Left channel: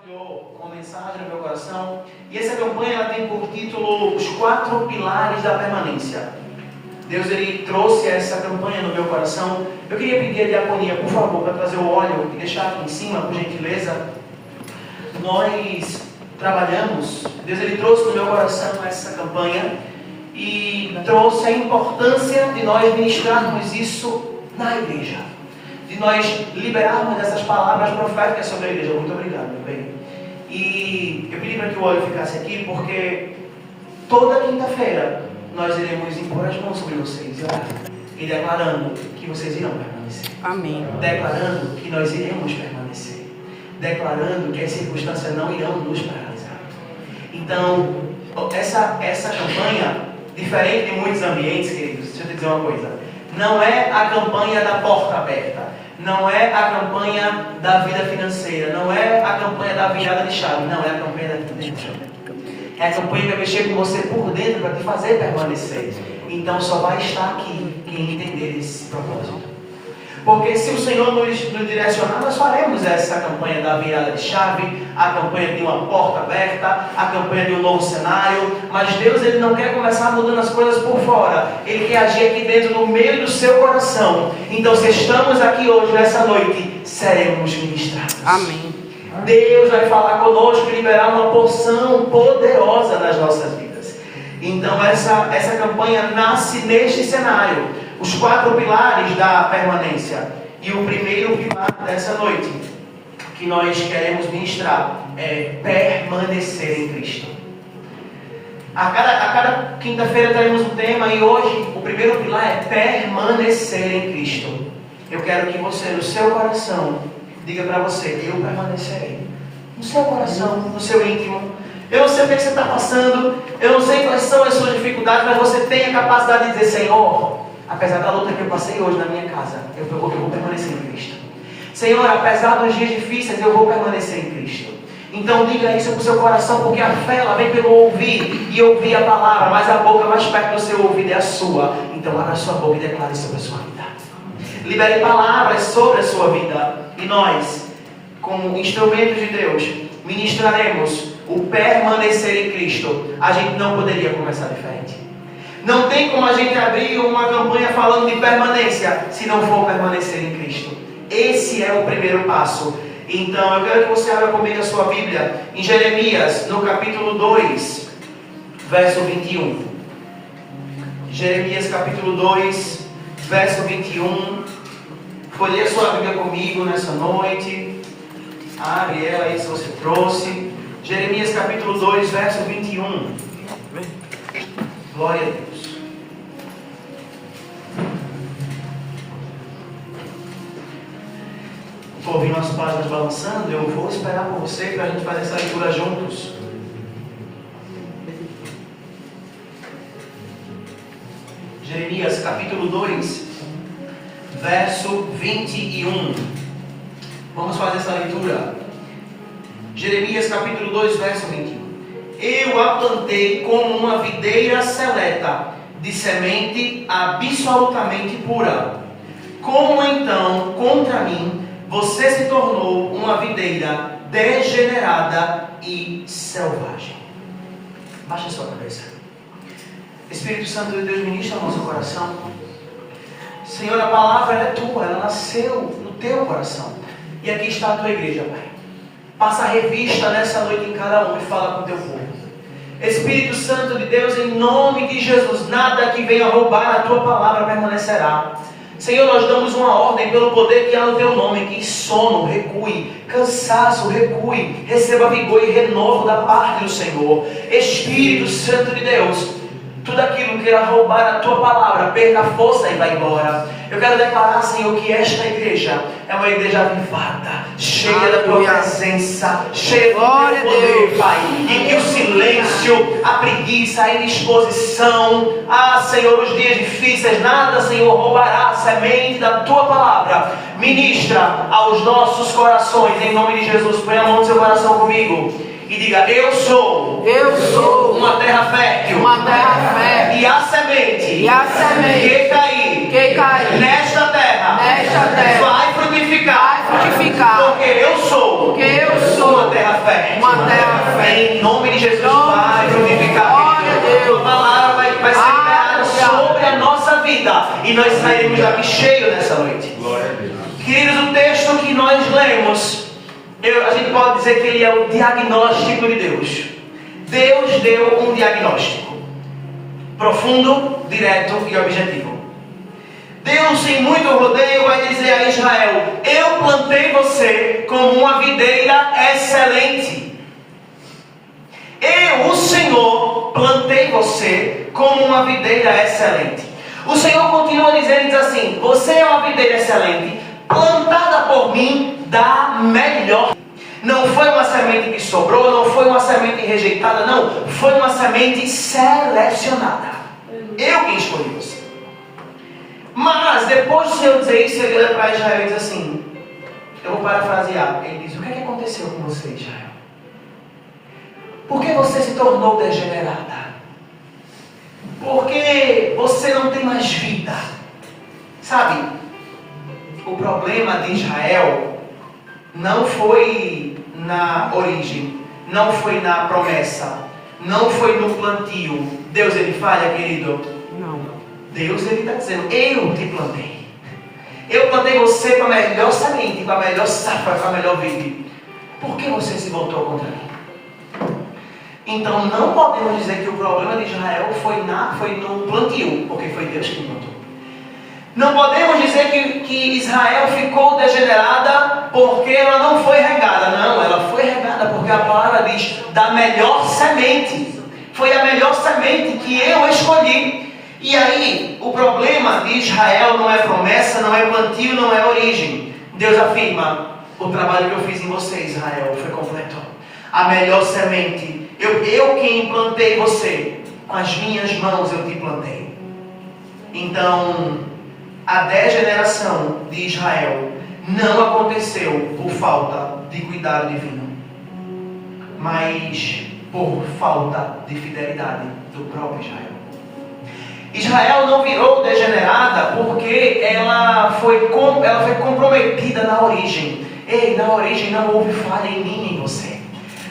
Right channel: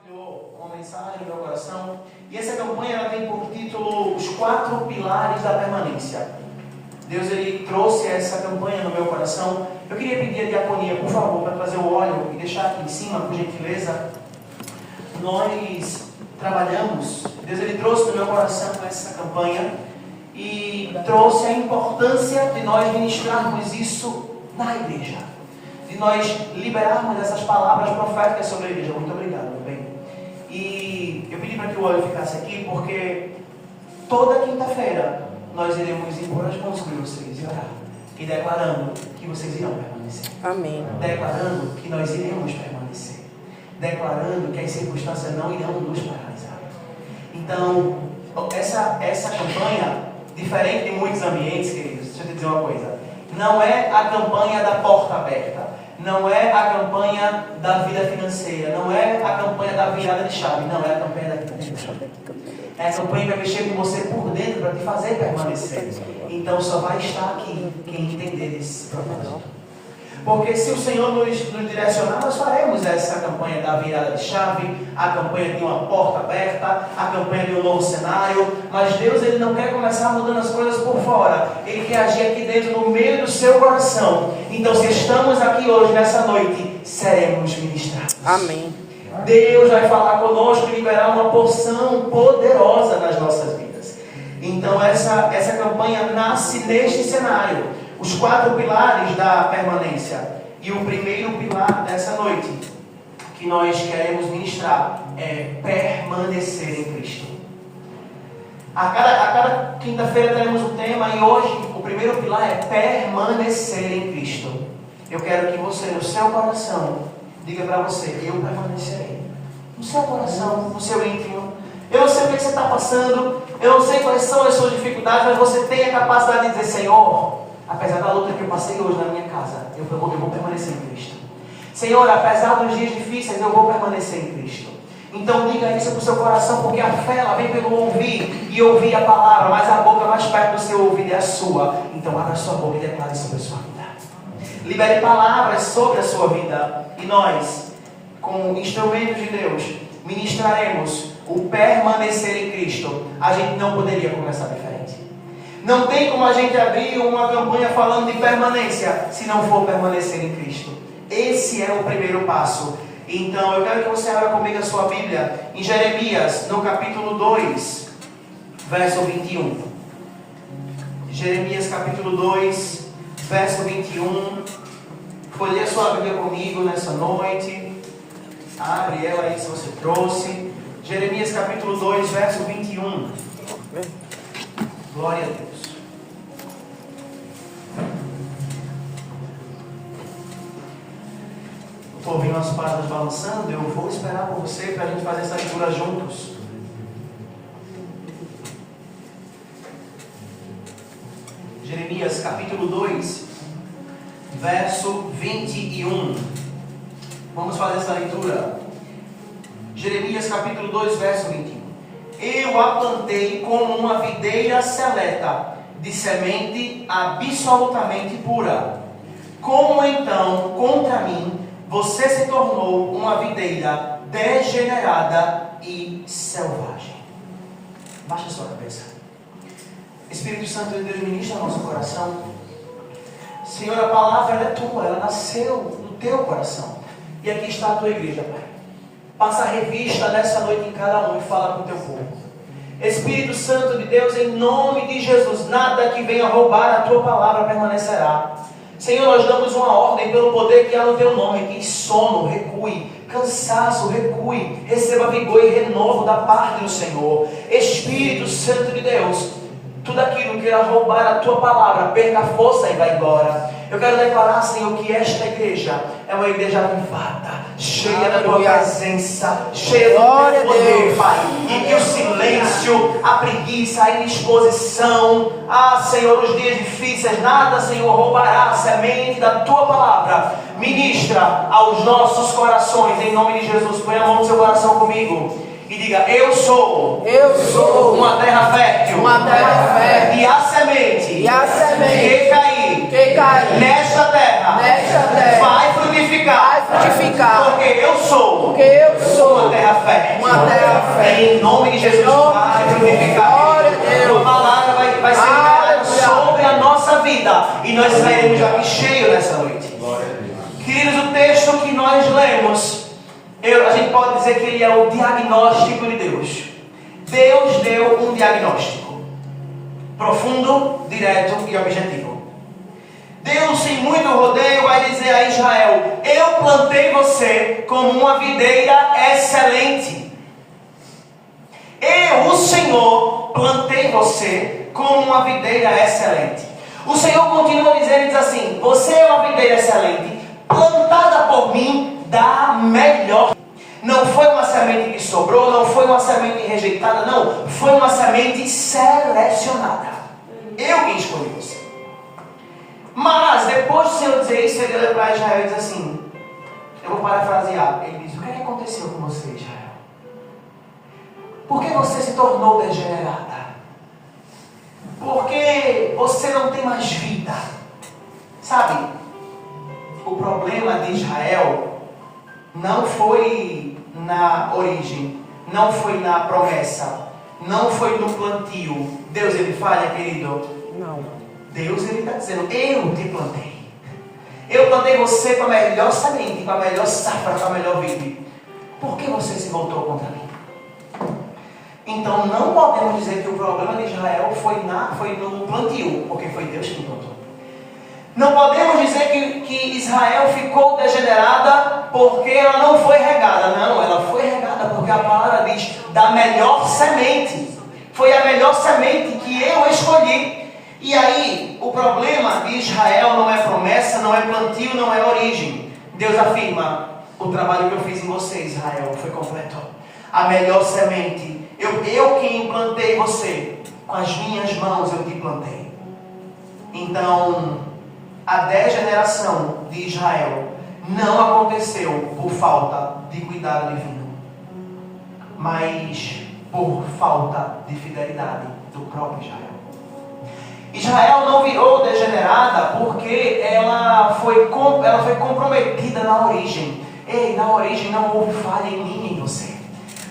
compartilhou uma mensagem no meu coração, e essa campanha ela tem por título Os 4 Pilares da Permanência. Deus ele trouxe essa campanha no meu coração. Eu queria pedir a diaconia, por favor, para trazer o óleo e deixar aqui em cima, por gentileza. Nós trabalhamos, Deus ele trouxe no meu coração essa campanha e trouxe a importância de nós ministrarmos isso na igreja, de nós liberarmos essas palavras proféticas sobre a igreja. Muito obrigado, meu bem. E eu pedi para que o óleo ficasse aqui porque toda quinta-feira nós iremos impor as mãos sobre vocês e orar, e declarando que vocês irão permanecer. Amém. Declarando que nós iremos permanecer. Declarando que as circunstâncias não irão nos paralisar. Então, essa campanha, diferente de muitos ambientes, queridos, deixa eu te dizer uma coisa. Não é a campanha da porta aberta. Não é a campanha da vida financeira. Não é a campanha da virada de chave. Não, é a campanha da vida de chave. É a campanha que vai mexer com você por dentro para te fazer permanecer. Então só vai estar aqui quem entender esse propósito. Porque se o Senhor nos direcionar, nós faremos essa campanha da virada de chave, a campanha de uma porta aberta, a campanha de um novo cenário. Mas Deus ele não quer começar mudando as coisas por fora. Ele quer agir aqui dentro, no meio do seu coração. Então se estamos aqui hoje, nessa noite, seremos ministrados. Amém. Deus vai falar conosco e liberar uma porção poderosa nas nossas vidas. Então essa campanha nasce neste cenário. Os 4 pilares da permanência. E o primeiro pilar dessa noite que nós queremos ministrar é permanecer em Cristo. A cada quinta-feira teremos um tema e hoje o primeiro pilar é permanecer em Cristo. Eu quero que você, no seu coração, diga para você: eu permanecerei. No seu coração, no seu íntimo. Eu não sei o que você está passando, eu não sei quais são as suas dificuldades, mas você tem a capacidade de dizer: Senhor, apesar da luta que eu passei hoje na minha casa, eu vou permanecer em Cristo. Senhor, apesar dos dias difíceis, eu vou permanecer em Cristo. Então diga isso para o seu coração, porque a fé ela vem pelo ouvir e ouvir a palavra, mas a boca mais perto do seu ouvido é a sua. Então abra a sua boca e declare sobre a sua vida. Libere palavras sobre a sua vida. E nós, como instrumentos de Deus, ministraremos o permanecer em Cristo. A gente não poderia começar diferente. Não tem como a gente abrir uma campanha falando de permanência se não for permanecer em Cristo. Esse é o primeiro passo. Então eu quero que você abra comigo a sua Bíblia em Jeremias, no capítulo 2, verso 21. Jeremias capítulo 2, verso 21. Folheie a sua Bíblia comigo nessa noite. Abre ela aí se você trouxe. Jeremias capítulo 2, verso 21. Glória a Deus. Estou ouvindo as páginas balançando. Eu vou esperar por você para a gente fazer essa leitura juntos. Jeremias capítulo 2, verso 21. Vamos fazer essa leitura. Jeremias capítulo 2, verso 21. Eu a plantei como uma videira seleta, de semente absolutamente pura. Como então, contra mim, você se tornou uma videira degenerada e selvagem? Baixa a sua cabeça. Espírito Santo de Deus, ministra no nosso coração. Senhor, a palavra é tua, ela nasceu no teu coração. E aqui está a tua igreja, Pai. Passa a revista nessa noite em cada um e fala com o teu povo. Espírito Santo de Deus, em nome de Jesus, nada que venha roubar a tua palavra permanecerá. Senhor, nós damos uma ordem pelo poder que há no teu nome, que sono recue, cansaço recue, receba vigor e renovo da parte do Senhor. Espírito Santo de Deus, tudo aquilo que irá roubar a tua palavra, perca a força e vai embora. Eu quero declarar, Senhor, que esta igreja é uma igreja avivada, cheia da tua presença, cheia do teu poder, Pai. E que o silêncio, a preguiça, a indisposição, Senhor, os dias difíceis, nada, Senhor, roubará a semente da tua palavra. Ministra aos nossos corações, em nome de Jesus. Põe a mão no seu coração comigo e diga: eu sou uma terra fértil, e a semente, que cair nesta terra vai frutificar, porque eu sou uma terra fé. Uma terra Fé em nome de Jesus vai frutificar. A palavra vai ser liberada sobre a nossa vida. E nós sairemos daqui cheio nessa noite. Queridos, o texto que nós lemos, a gente pode dizer que ele é o diagnóstico de Deus. Deus deu um diagnóstico profundo, direto e objetivo. Deus, sem muito rodeio, vai dizer a Israel: eu plantei você como uma videira excelente. Eu, o Senhor, plantei você como uma videira excelente. O Senhor continua dizendo, diz assim: você é uma videira excelente, plantada por mim da melhor. Não foi uma semente que sobrou, não foi uma semente rejeitada, não. Foi uma semente selecionada. Eu que escolhi você. Mas depois do Senhor dizer isso, ele olha para Israel e diz assim, eu vou parafrasear, ele diz: o que é que aconteceu com você, Israel? Por que você se tornou degenerada? Por que você não tem mais vida? Sabe, o problema de Israel não foi na origem, não foi na promessa, não foi no plantio. Deus, ele falha, querido? Não. Deus, ele está dizendo: eu te plantei. Eu plantei você para a melhor semente, para a melhor safra, para a melhor vida. Por que você se voltou contra mim? Então não podemos dizer que o problema de Israel foi no plantio, porque foi Deus que plantou. Não podemos dizer que Israel ficou degenerada porque ela não foi regada. Não, ela foi regada porque a palavra diz: da melhor semente. Foi a melhor semente que eu escolhi. E aí, o problema de Israel não é promessa, não é plantio, não é origem. Deus afirma: o trabalho que eu fiz em você, Israel, foi completo. A melhor semente, eu quem plantei você, com as minhas mãos eu te plantei. Então, a degeneração de Israel não aconteceu por falta de cuidado divino, mas por falta de fidelidade do próprio Israel. Israel não virou degenerada porque ela foi comprometida na origem. Ei, na origem não houve falha em mim e em você.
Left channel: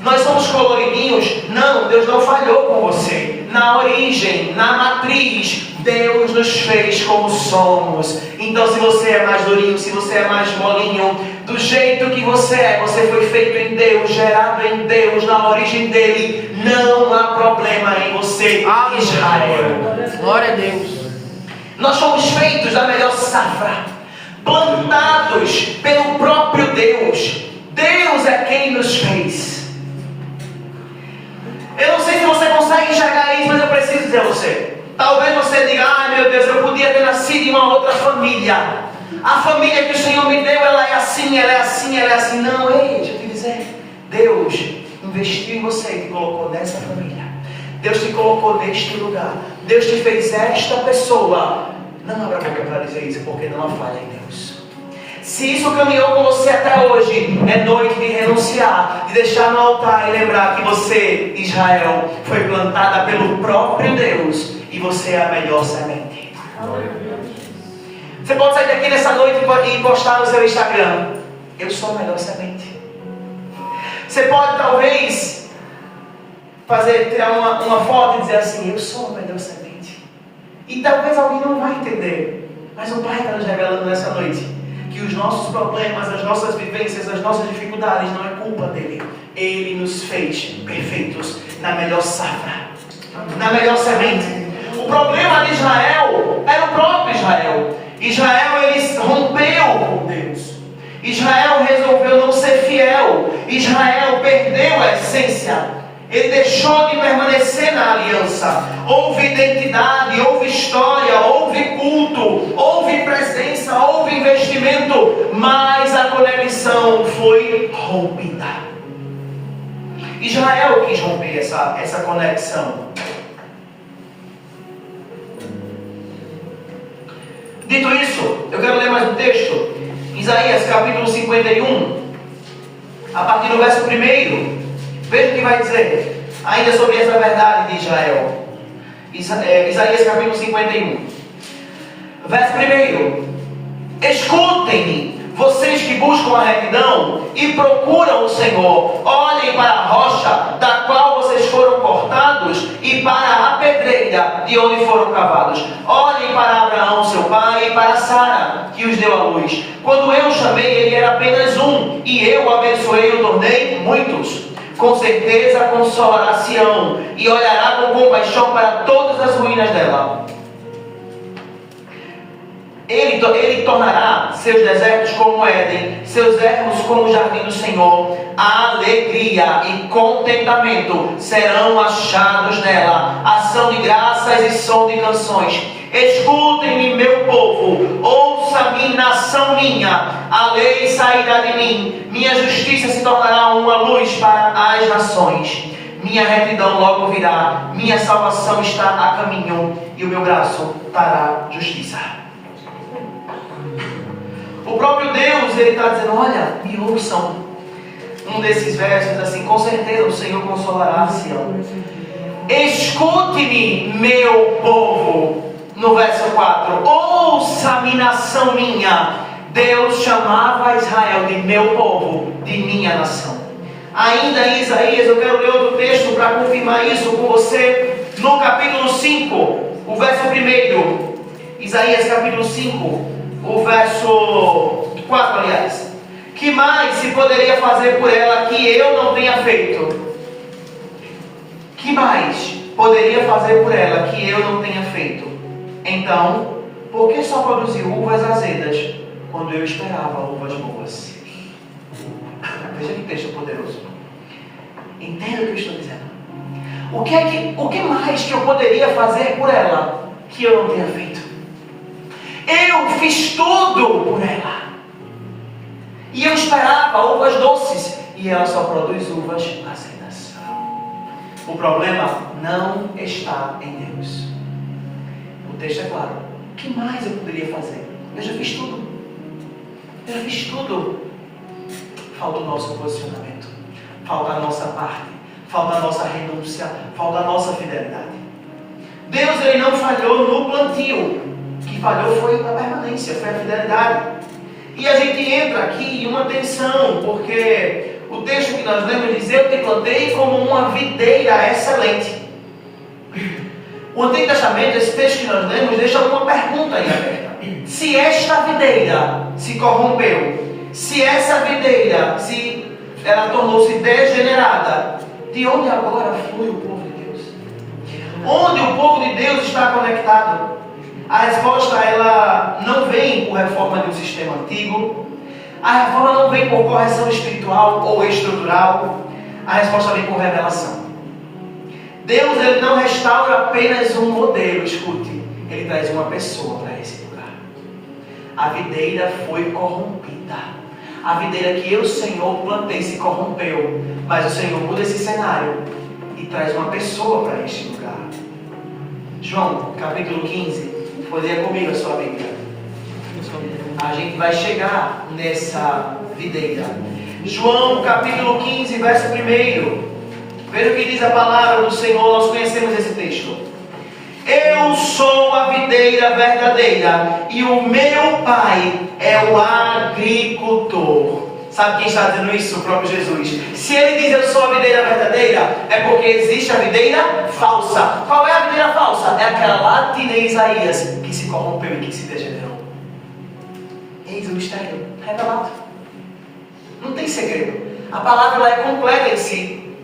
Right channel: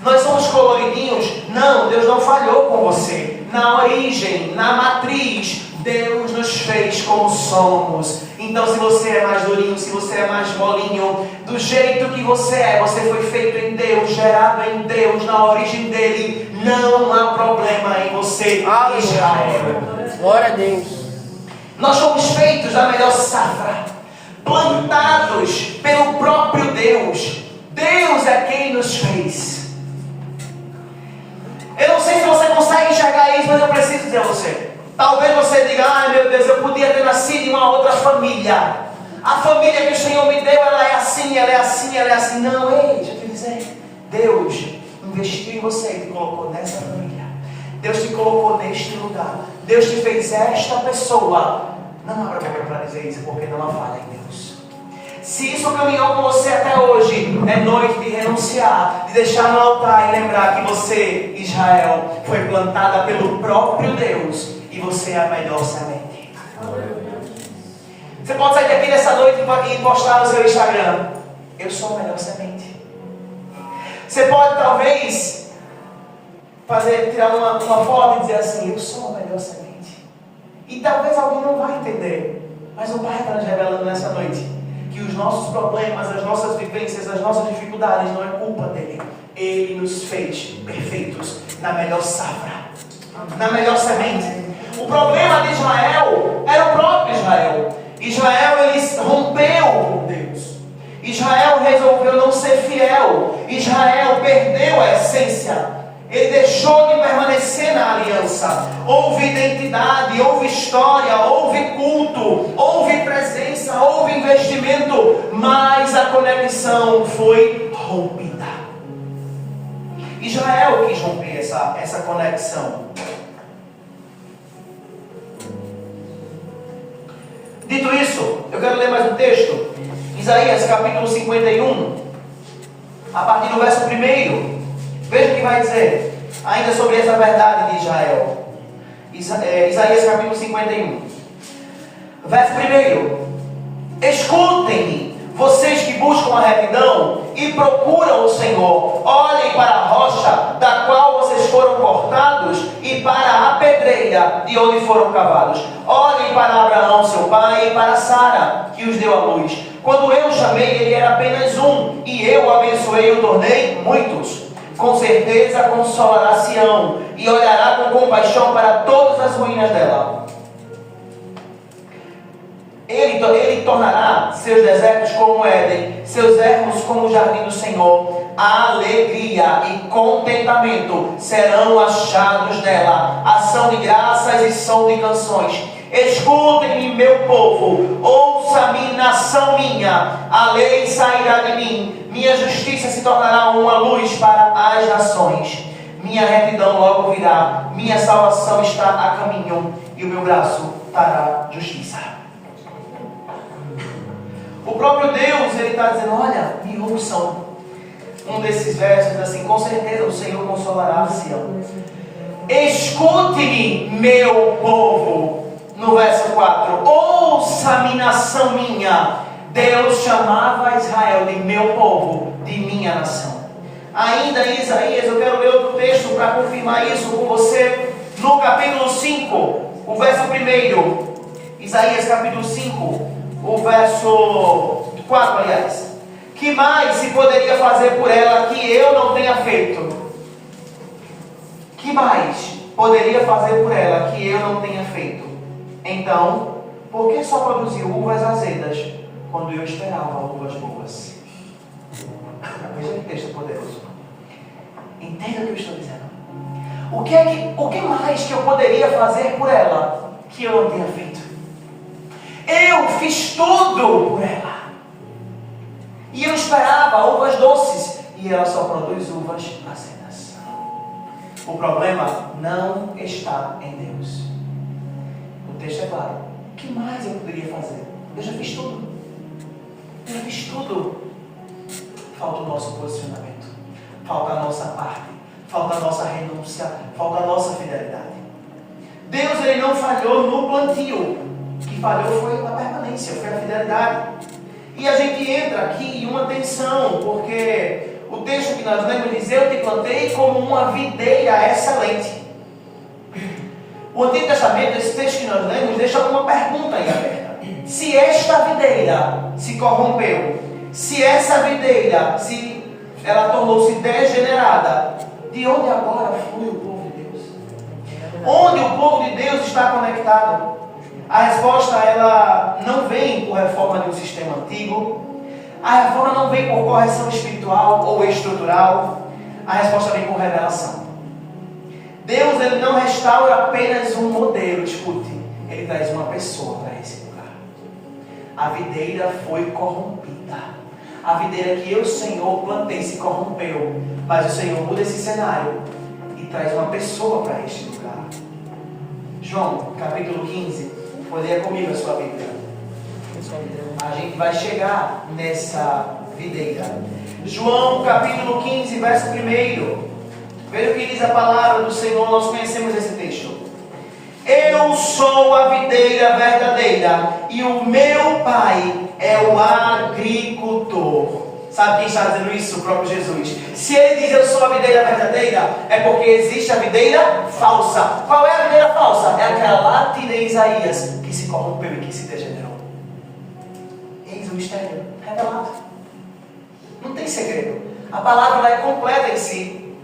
Nós somos coloridinhos? Não, Deus não falhou com você. Na origem, na matriz, Deus nos fez como somos. Então, se você é mais durinho, se você é mais molinho, do jeito que você foi feito em Deus, gerado em Deus, na origem dele, não há problema em você, Israel. Glória a Deus. Nós somos feitos da melhor safra, plantados pelo próprio Deus. Deus é quem nos fez. Eu não sei se você consegue enxergar isso, mas eu preciso dizer a você. Talvez você diga: ai meu Deus, eu podia ter nascido em uma outra família. A família que o Senhor me deu, ela é assim, ela é assim, ela é assim. Não, ei, deixa eu te dizer. Deus investiu em você e te colocou nessa família. Deus te colocou neste lugar. Deus te fez esta pessoa. Não abra a boca para dizer isso, porque não há falha em Deus. Se isso caminhou com você até hoje, é noite de renunciar, de deixar no altar e lembrar que você, Israel, foi plantada pelo próprio Deus e você é a melhor semente. Você pode sair daqui nessa noite e postar no seu Instagram: eu sou a melhor semente. Você pode talvez tirar uma foto e dizer assim: eu sou a melhor semente. E talvez alguém não vai entender, mas o Pai está nos revelando nessa noite que os nossos problemas, as nossas vivências, as nossas dificuldades não é culpa dele. Ele nos fez perfeitos na melhor safra, na melhor semente. O problema de Israel era o próprio Israel. Israel, ele rompeu com Deus. Israel resolveu não ser fiel. Israel perdeu a essência. Ele deixou de permanecer na aliança. Houve identidade, houve história, houve culto, houve presença, houve investimento, mas a conexão foi rompida. Israel quis romper essa conexão. Dito isso, eu quero ler mais um texto. Isaías capítulo 51, a partir do verso 1. Veja o que vai dizer ainda sobre essa verdade de Israel. Isaías capítulo 51, verso 1. Escutem-me, vocês que buscam a retidão e procuram o Senhor. Olhem para videira de onde foram cavados. Olhem para Abraão, seu pai, e para Sara, que os deu à luz. Quando eu o chamei, ele era apenas um, e eu o abençoei e o tornei muitos. Com certeza consolará Sião, e olhará com compaixão para todas as ruínas dela. Ele tornará seus desertos como Éden, seus ermos como o jardim do Senhor. A alegria e contentamento serão achados nela, ação de graças e som de canções. Escutem-me, meu povo, ouça-me, nação minha. A lei sairá de mim, minha justiça se tornará uma luz para as nações. Minha retidão logo virá, minha salvação está a caminho, e o meu braço trará justiça. O próprio Deus, ele está dizendo, olha, me ouçam. Um desses versos diz assim, com certeza o Senhor consolará Sião. Escute-me, meu povo. No verso 4, ouça-me, nação minha. Deus chamava Israel de meu povo, de minha nação. Ainda em Isaías, eu quero ler outro texto para confirmar isso com você. No capítulo 5, o verso 1. Isaías capítulo 5. O verso 4, aliás. Que mais se poderia fazer por ela que eu não tenha feito? Que mais poderia fazer por ela que eu não tenha feito? Então, por que só produziu uvas azedas quando eu esperava uvas boas? Veja que texto poderoso. Entenda o que eu estou dizendo. O que mais que eu poderia fazer por ela que eu não tenha feito? Eu fiz tudo por ela. E eu esperava uvas doces. E ela só produz uvas azedas. O problema não está em Deus. O texto é claro. O que mais eu poderia fazer? Eu já fiz tudo. Eu já fiz tudo. Falta o nosso posicionamento. Falta a nossa parte. Falta a nossa renúncia. Falta a nossa fidelidade. Deus, ele não falhou no plantio. O que falhou foi a permanência, foi a fidelidade. E a gente entra aqui em uma tensão, porque o texto que nós lemos diz, eu te plantei como uma videira excelente. O Antigo Testamento, esse texto que nós lemos, deixa uma pergunta aí aberta. Se esta videira se corrompeu, se essa videira, se ela tornou-se degenerada, de onde agora flui o povo de Deus? Onde o povo de Deus está conectado? A resposta, ela não vem por reforma de um sistema antigo. A reforma não vem por correção espiritual ou estrutural. A resposta vem por revelação. Deus, ele não restaura apenas um modelo, escute. Ele traz uma pessoa para esse lugar. A videira foi corrompida. A videira que eu, Senhor, plantei se corrompeu. Mas o Senhor muda esse cenário e traz uma pessoa para este lugar. João, capítulo 15. Poderia comigo a sua Bíblia. A gente vai chegar nessa videira. João capítulo 15, verso 1. Veja o que diz a palavra do Senhor. Nós conhecemos esse texto. Eu sou a videira verdadeira e o meu pai é o agricultor. Sabe quem está dizendo isso? O próprio Jesus. Se ele diz eu sou a videira verdadeira, é porque existe a videira falsa. Qual é a videira falsa? É aquela lá de Isaías que se corrompeu e que se degenerou. Eis o mistério revelado. Não tem segredo. A palavra ela é completa em si.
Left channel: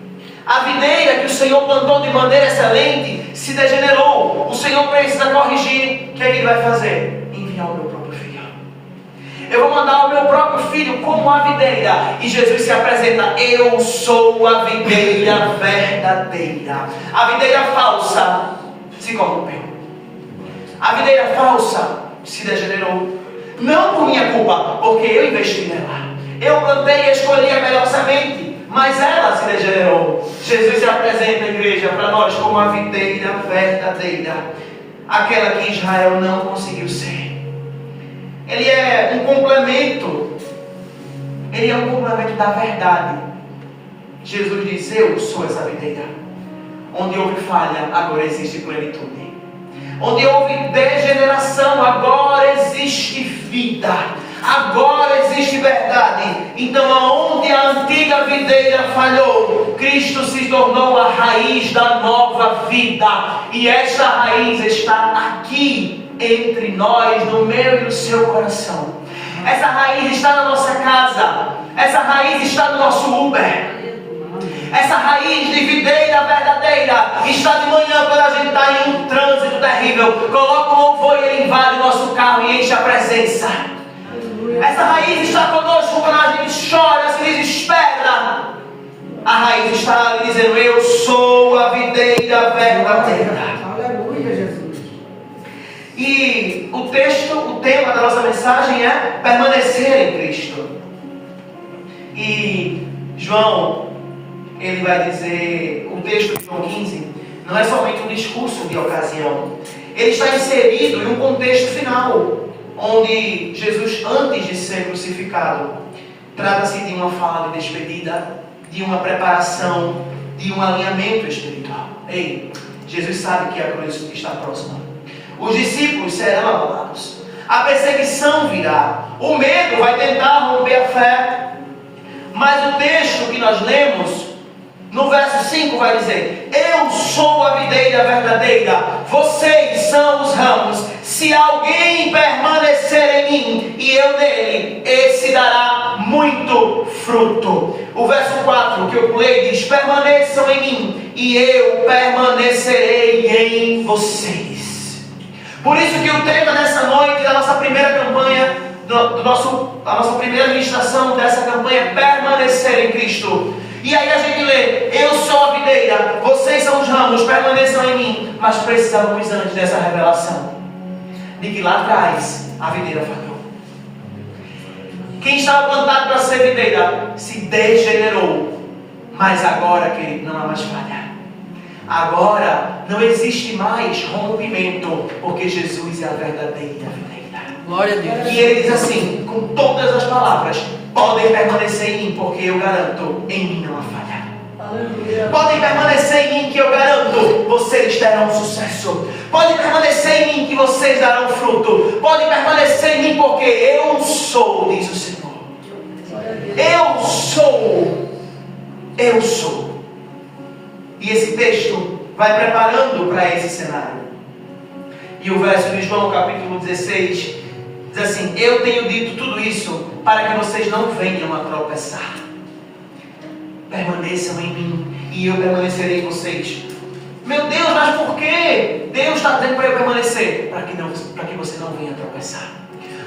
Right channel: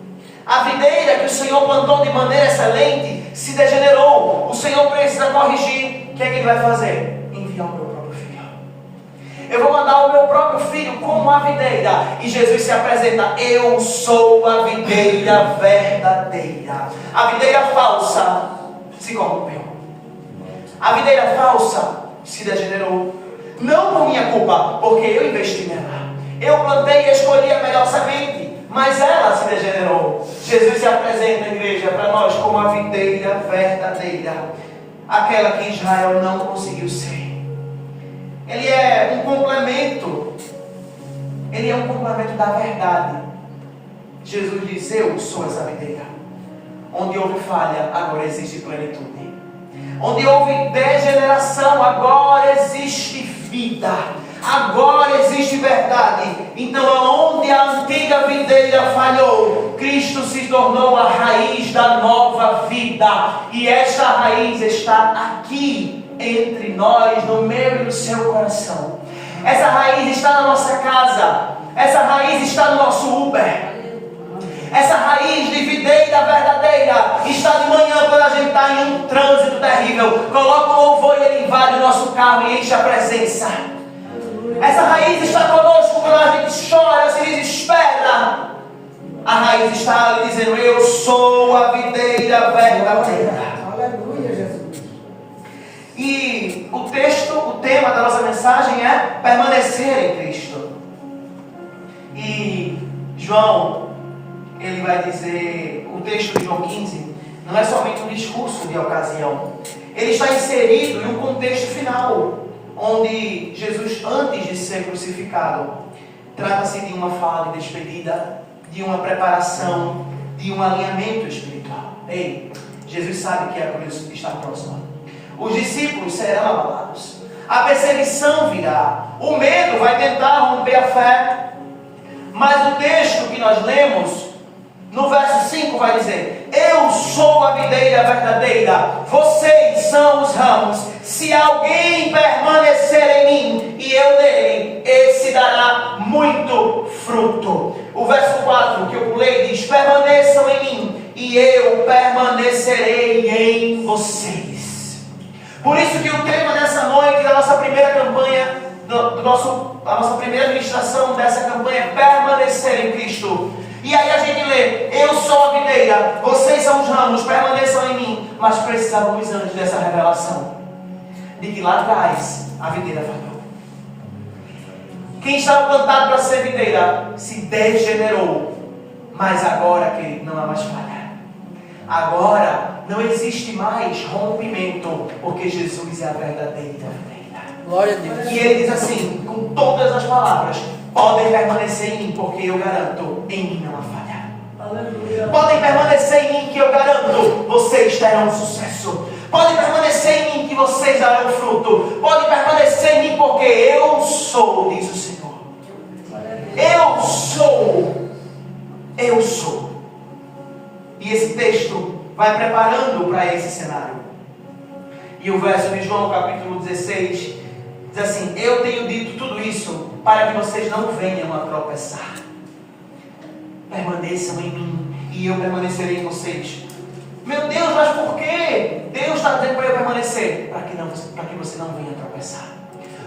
A videira que o Senhor plantou de maneira excelente se degenerou. O Senhor precisa corrigir. O que é que ele vai fazer? Enviar o meu próprio filho. Eu vou mandar o meu próprio filho como a videira. E Jesus se apresenta. Eu sou a videira verdadeira. A videira falsa se corrompeu. A videira falsa se degenerou. Não por minha culpa, porque eu investi nela. Eu plantei e escolhi a melhor semente, mas ela se degenerou. Jesus se apresenta, igreja, para nós como a videira verdadeira. Aquela que Israel não conseguiu ser. Ele é um complemento. Ele é um complemento da verdade. Jesus diz, eu sou essa videira. Onde houve falha, agora existe plenitude. Onde houve degeneração, agora existe vida. Agora existe verdade. Então aonde a antiga videira falhou, Cristo se tornou a raiz da nova vida. vida. E esta raiz está aqui entre nós, no meu e no seu coração. Essa raiz está na nossa casa. Essa raiz está no nosso Uber. Essa raiz de videira verdadeira está de manhã quando a gente está em um trânsito terrível. Coloca o louvor e ele invade o nosso carro e enche a presença. Essa raiz está conosco quando a gente chora, se desespera. A raiz está ali dizendo: eu sou a videira verdadeira. Aleluia, Jesus. E o tema da nossa mensagem é permanecer em Cristo. E João, ele vai dizer, o texto de João 15, não é somente um discurso de ocasião. Ele está inserido em um contexto final, onde Jesus, antes de ser crucificado, trata-se de uma fala de despedida, de uma preparação, de um alinhamento espiritual. Ei, Jesus sabe que a cruz está próxima. Os discípulos serão abalados. A perseguição virá. O medo vai tentar romper a fé. Mas o texto que nós lemos, no verso 5, vai dizer: eu sou a videira verdadeira, vocês são os ramos. Se alguém permanecer em mim e eu nele, esse dará muito fruto. O verso 4 que eu pulei diz: permaneçam em mim e eu permanecerei em vocês. Por isso que o tema dessa noite, da nossa primeira campanha, a nossa primeira ministração dessa campanha é permanecer em Cristo. E aí a gente lê: eu sou a videira, vocês são os ramos, permaneçam em mim. Mas precisávamos antes dessa revelação de que lá atrás a videira falhou. Quem estava plantado para ser videira se degenerou. Mas agora, querido, não há mais falha. Agora não existe mais rompimento, porque Jesus é a verdadeira videira. Glória a Deus. E ele diz assim, com todas as palavras: podem permanecer em mim, porque eu garanto, em mim não há falha. Aleluia. Podem permanecer em mim, que eu garanto, vocês terão sucesso. Podem permanecer em mim, que vocês darão fruto. Podem permanecer em mim, porque eu sou, diz o Senhor. Eu sou. Eu sou. E esse texto vai preparando para esse cenário. E o verso de João, capítulo 16, diz assim: eu tenho dito tudo isso para que vocês não venham a tropeçar. Permaneçam em mim e eu permanecerei em vocês. Meu Deus, mas por que Deus está dizendo para eu permanecer? Para que você não venha a tropeçar.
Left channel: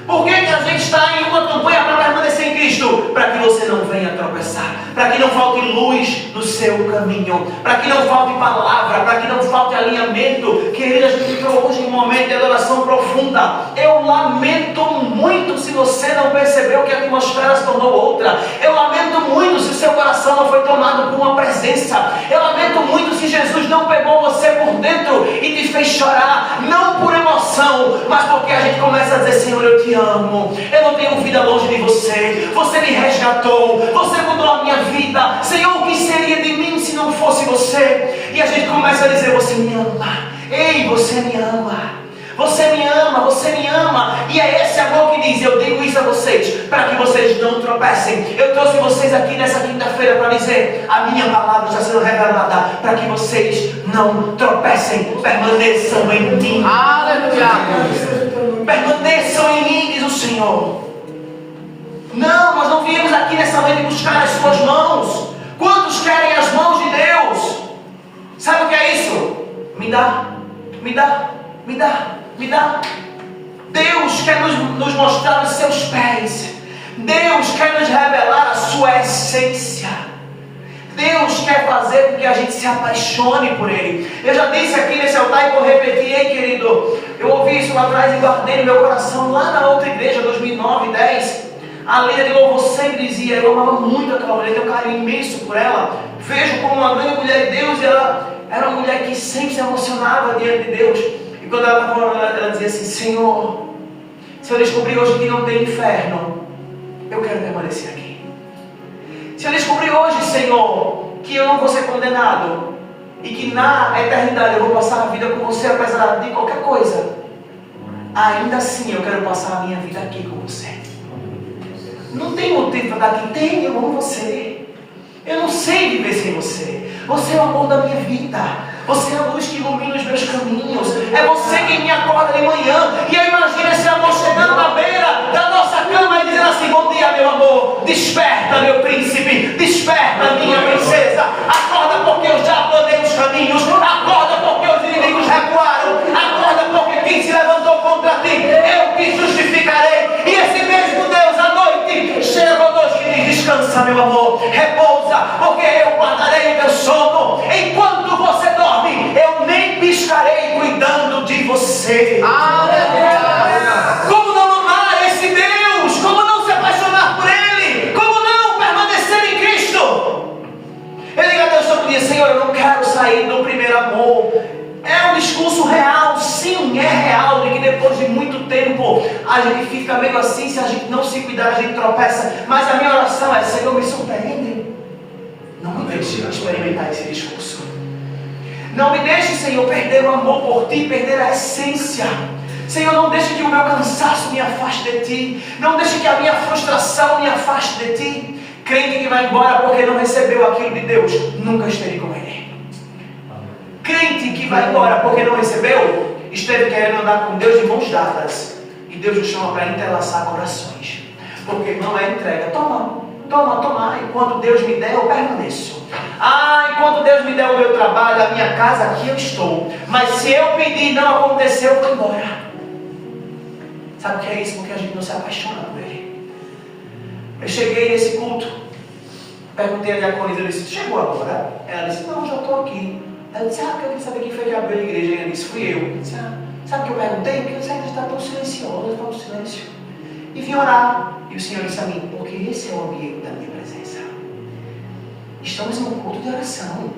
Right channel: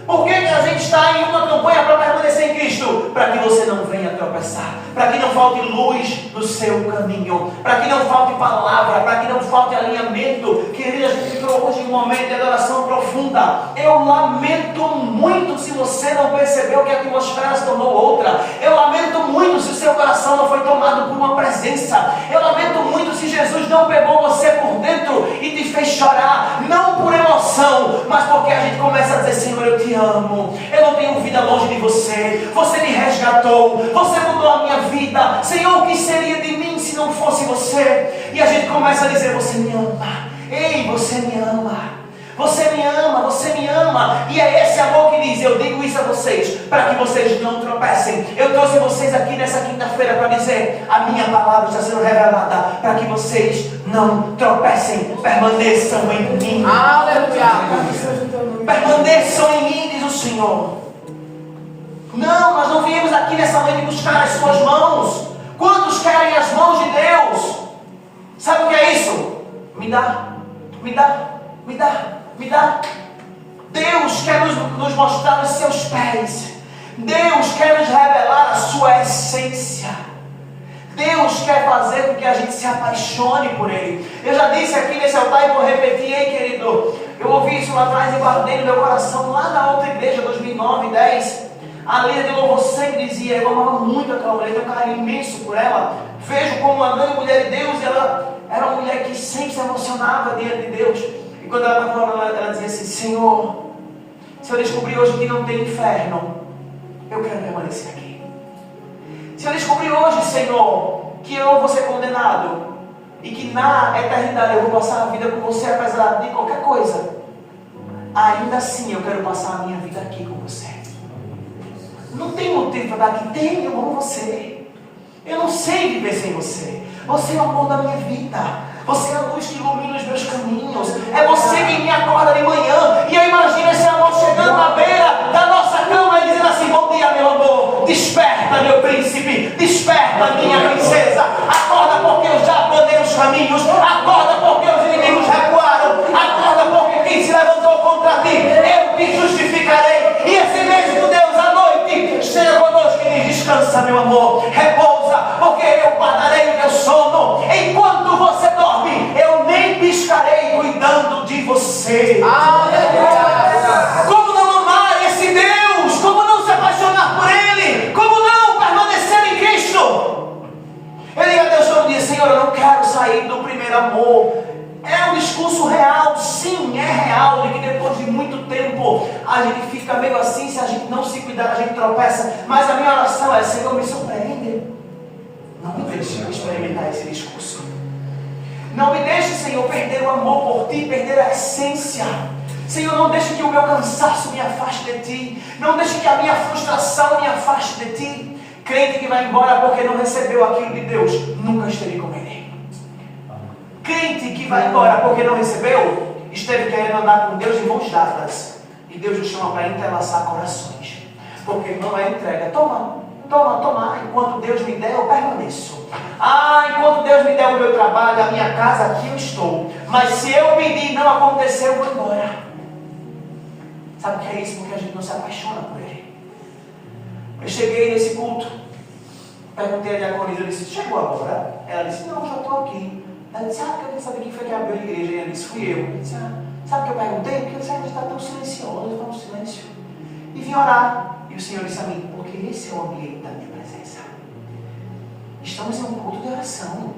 Por que a gente está em uma campanha para permanecer em Cristo? Para que você não venha a tropeçar. Para que não falte luz no seu caminho. Para que não falte palavra. Para que não falte alinhamento. Querida, a gente entrou hoje em um momento de adoração profunda. Eu lamento muito se você não percebeu que a atmosfera se tornou outra. Eu lamento muito se o seu coração não foi tomado por uma presença. Eu lamento muito se Jesus não pegou você por dentro e te fez chorar. Não por emoção, mas porque a gente começa a dizer: Senhor, eu te amo, eu não tenho vida longe de você, você me resgatou, você mudou a minha vida, Senhor, o que seria de mim se não fosse você? E a gente começa a dizer: você me ama, ei, você me ama, você me ama, você me ama. E é esse amor que diz: eu digo isso a vocês, para que vocês não tropecem. Eu trouxe vocês aqui nessa quinta-feira para dizer: a minha palavra está sendo revelada, para que vocês não tropecem. Permaneçam em mim. Aleluia. Permaneçam em mim, diz o Senhor. Não, nós não viemos aqui nessa noite buscar as suas mãos. Quantos querem as mãos de Deus? Sabe o que é isso? Me dá, me dá, me dá, me dá. Deus quer nos mostrar os seus pés. Deus quer nos revelar a sua essência. Deus quer fazer com que a gente se apaixone por Ele. Eu já disse aqui nesse altar e vou repetir, hein, querido. Eu ouvi isso lá atrás e guardei no meu coração, lá na outra igreja, 2009, 10. A líder de louvor sempre dizia: eu amava muito aquela mulher, tenho um carinho imenso por ela. Vejo como uma grande mulher de Deus, e ela era uma mulher que sempre se emocionava diante de Deus. E quando ela estava falando, ela dizia assim: Senhor, se eu descobrir hoje que não tem inferno, eu quero permanecer aqui. Se eu descobrir hoje, Senhor, que eu não vou ser condenado e que na eternidade eu vou passar a vida com você apesar de qualquer coisa, ainda assim eu quero passar a minha vida aqui com você. Não tem motivo para estar aqui. Tem, eu amo você. Eu não sei viver sem você. Você é o amor da minha vida. Você é a luz que ilumina os meus caminhos. É você quem me acorda de manhã. E eu imagino esse amor chegando na beira da nossa cama e dizendo assim: bom dia, meu amor. Desperta, meu príncipe. Desperta, minha princesa. Acorda, porque eu já planei os caminhos. Acorda, porque os inimigos recuaram. Acorda, porque quem se levantou contra ti, eu te justificarei. E esse mesmo Deus à noite chega conosco e diz: descansa, meu amor. Repousa, porque eu guardarei o teu sono. Enquanto você dorme, eu nem piscarei cuidando de você. Como não amar esse Deus? Como não se apaixonar por Ele? Como não permanecer em Cristo? Eu digo a Deus todo dia: Senhor, eu não quero sair do primeiro amor. É um discurso real, sim, é real, de que depois de muito tempo a gente fica meio assim, se a gente não se cuidar, a gente tropeça. Mas a minha oração é: Senhor, me surpreende. Não me deixe experimentar esse discurso. Não me deixe, Senhor, perder o amor por Ti, perder a essência. Senhor, não deixe que o meu cansaço me afaste de Ti. Não deixe que a minha frustração me afaste de Ti. Crente que vai embora porque não recebeu aquilo de Deus, nunca estarei com Ele. Crente que vai embora porque não recebeu, esteve querendo andar com Deus de mãos dadas. E Deus nos chama para entrelaçar corações. Porque não é entrega. Toma. Enquanto Deus me der, eu permaneço. Enquanto Deus me der o meu trabalho, a minha casa, aqui eu estou. Mas se eu pedir e não acontecer, eu vou embora. Sabe o que é isso? Porque a gente não se apaixona por Ele. Eu cheguei nesse culto, perguntei a diaconisa, eu disse: chegou agora? Ela disse: não, já estou aqui. Ela disse: eu queria saber quem foi que abriu a igreja. E ela disse: fui eu. Eu disse: sabe o que eu perguntei? Porque você ainda está tão silencioso, tão silêncio. E vim orar. E o Senhor disse a mim: porque esse é o ambiente da minha presença. Estamos em um culto de oração.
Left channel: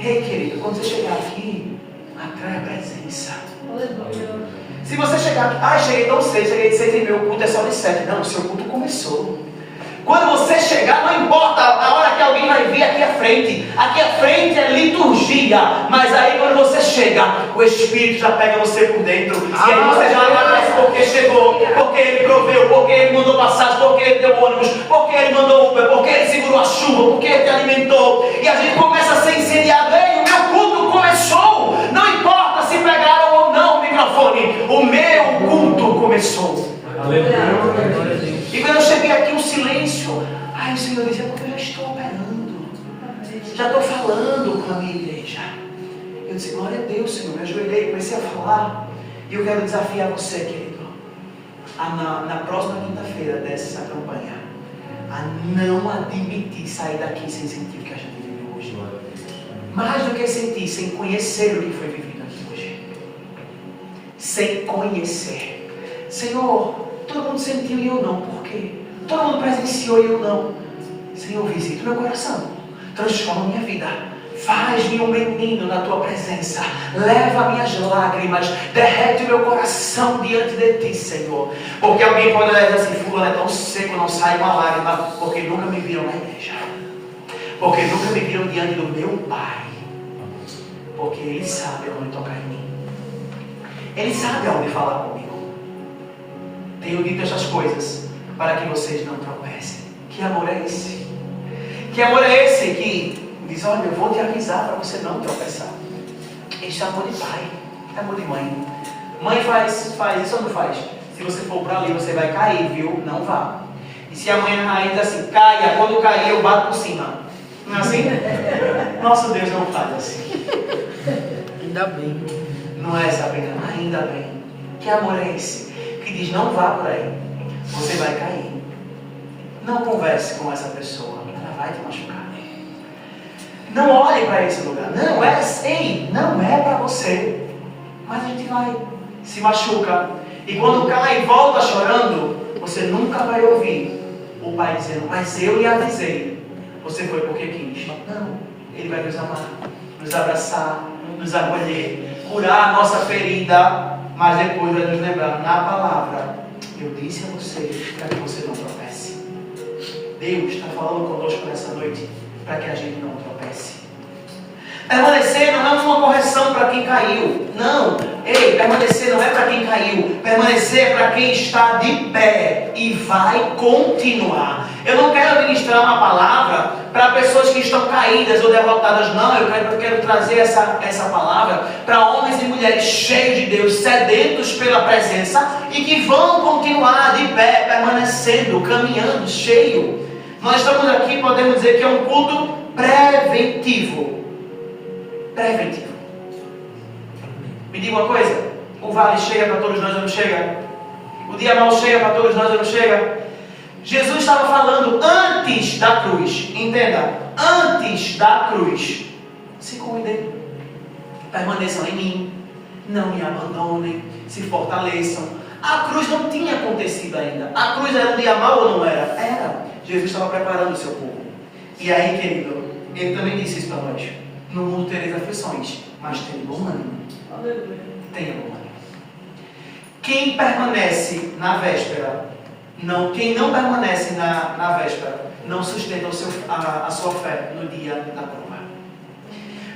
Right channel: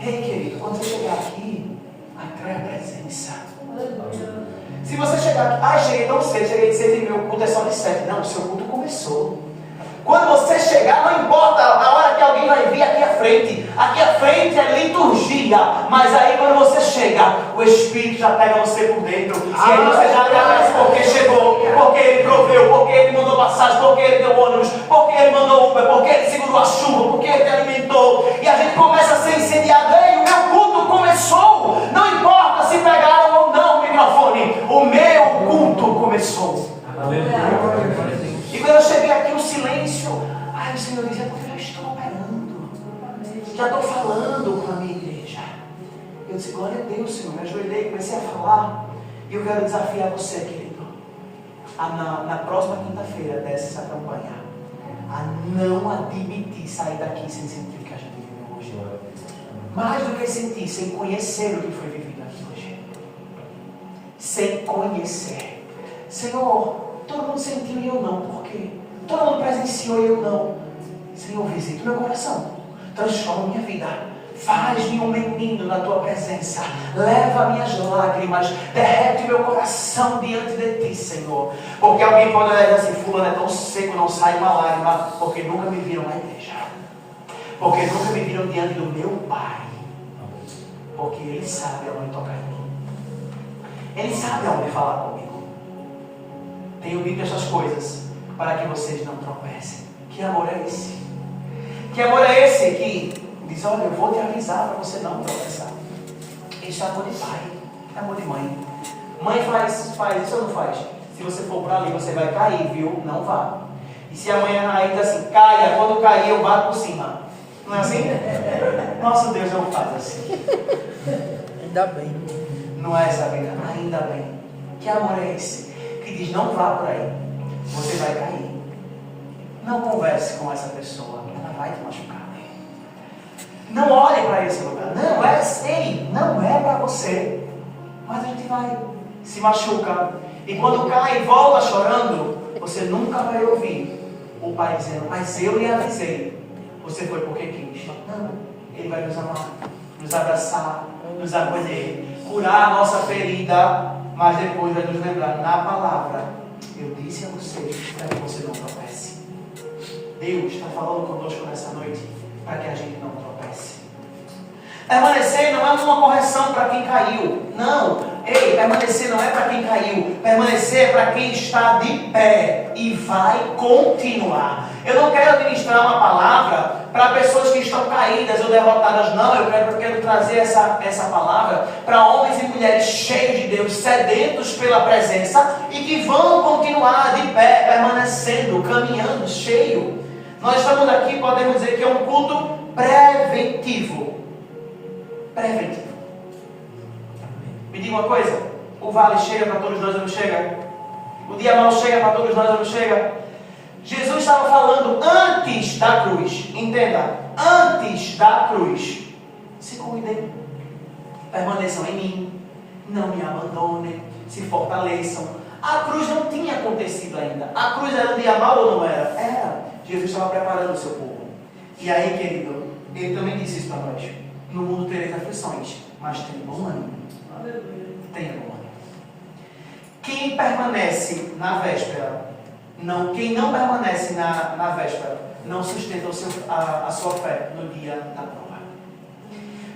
Ei, querido, quando você chegar aqui, atrai a presença. Se você chegar aqui: cheguei tão cedo, cheguei de 6 e meu culto é só de 7. Não, o seu culto começou. Quando você chegar, não importa a hora que alguém vai vir aqui à frente. Aqui à frente é liturgia. Mas aí quando você chega, o Espírito já pega você por dentro. E aí você já agradece porque chegou, porque Ele proveu, porque Ele mandou passagem, porque Ele deu ônibus, porque Ele mandou Uber, porque Ele segurou a chuva, porque Ele te alimentou. E a gente começa a ser incendiado. Ei, o meu culto começou. Não importa se pegaram ou não o microfone. O meu culto começou. E quando eu cheguei aqui, um silêncio. O Senhor disse: é porque eu já estou operando. Já estou falando com a minha igreja. Eu disse: glória a Deus, Senhor. Me ajoelhei, comecei a falar. E eu quero desafiar você, querido, na próxima quinta-feira dessa campanha, a não admitir sair daqui sem sentir o que a gente viveu hoje. Mais do que sentir, sem conhecer o que foi vivido aqui hoje. Sem conhecer. Senhor, todo mundo sentiu e eu não. Por quê? Todo mundo presenciou e eu não. Senhor, visita o meu coração. Transforma a minha vida. Faz-me um menino na tua presença. Leva minhas lágrimas. Derrete o meu coração diante de ti, Senhor. Porque alguém pode dizer assim: fulano é tão seco, não sai uma lágrima. Porque nunca me viram na igreja. Porque nunca me viram diante do meu Pai. Porque Ele sabe aonde tocar em mim. Ele sabe aonde falar comigo. Tenho dito essas coisas para que vocês não tropecem. Que amor é esse? Que amor é esse que diz: olha, eu vou te avisar para você não tropeçar. Esse é amor de pai, é amor de mãe. Mãe faz isso ou não faz? Se você for para ali, você vai cair, viu? Não vá. E se a mãe diz assim: caia, quando cair eu bato por cima. Não é assim? Nosso Deus não faz assim. Ainda bem. Não é, Sabrina? Ainda bem. Que amor é esse? Que diz: não vá por aí, você vai cair. Não converse com essa pessoa, ela vai te machucar. Não olhe para esse lugar. Não é para você. Mas a gente vai, se machuca. E quando cai e volta chorando, você nunca vai ouvir o pai dizendo: mas eu lhe avisei. Você foi porque quis. Não, Ele vai nos amar, nos abraçar, nos acolher, curar a nossa ferida, mas depois vai nos lembrar na palavra: eu disse a você para que você não tropece. Deus está falando conosco nessa noite para que a gente não tropece. Permanecer não é uma correção para quem caiu. Não. Permanecer não é para quem caiu. Permanecer é para quem está de pé e vai continuar. Eu não quero ministrar uma palavra para pessoas que estão caídas ou derrotadas, não. Eu quero trazer essa palavra para homens e mulheres cheios de Deus, sedentos pela presença e que vão continuar de pé, permanecendo, caminhando, cheio. Nós estamos aqui, podemos dizer que é um culto preventivo. Preventivo. Me diga uma coisa: o vale chega para todos nós ou não chega? O dia mau chega para todos nós ou não chega? Jesus estava falando antes da cruz. Entenda, antes da cruz. Se cuidem, permaneçam em mim, não me abandonem, se fortaleçam. A cruz não tinha acontecido ainda. A cruz era um dia mau ou não era? Era. Jesus estava preparando o seu povo. E aí, querido, ele também disse isso para nós: no mundo tereis aflições, mas tenha bom ânimo. Tenha bom ânimo. Quem permanece na véspera, quem não permanece na véspera, não sustenta a sua fé no dia da prova.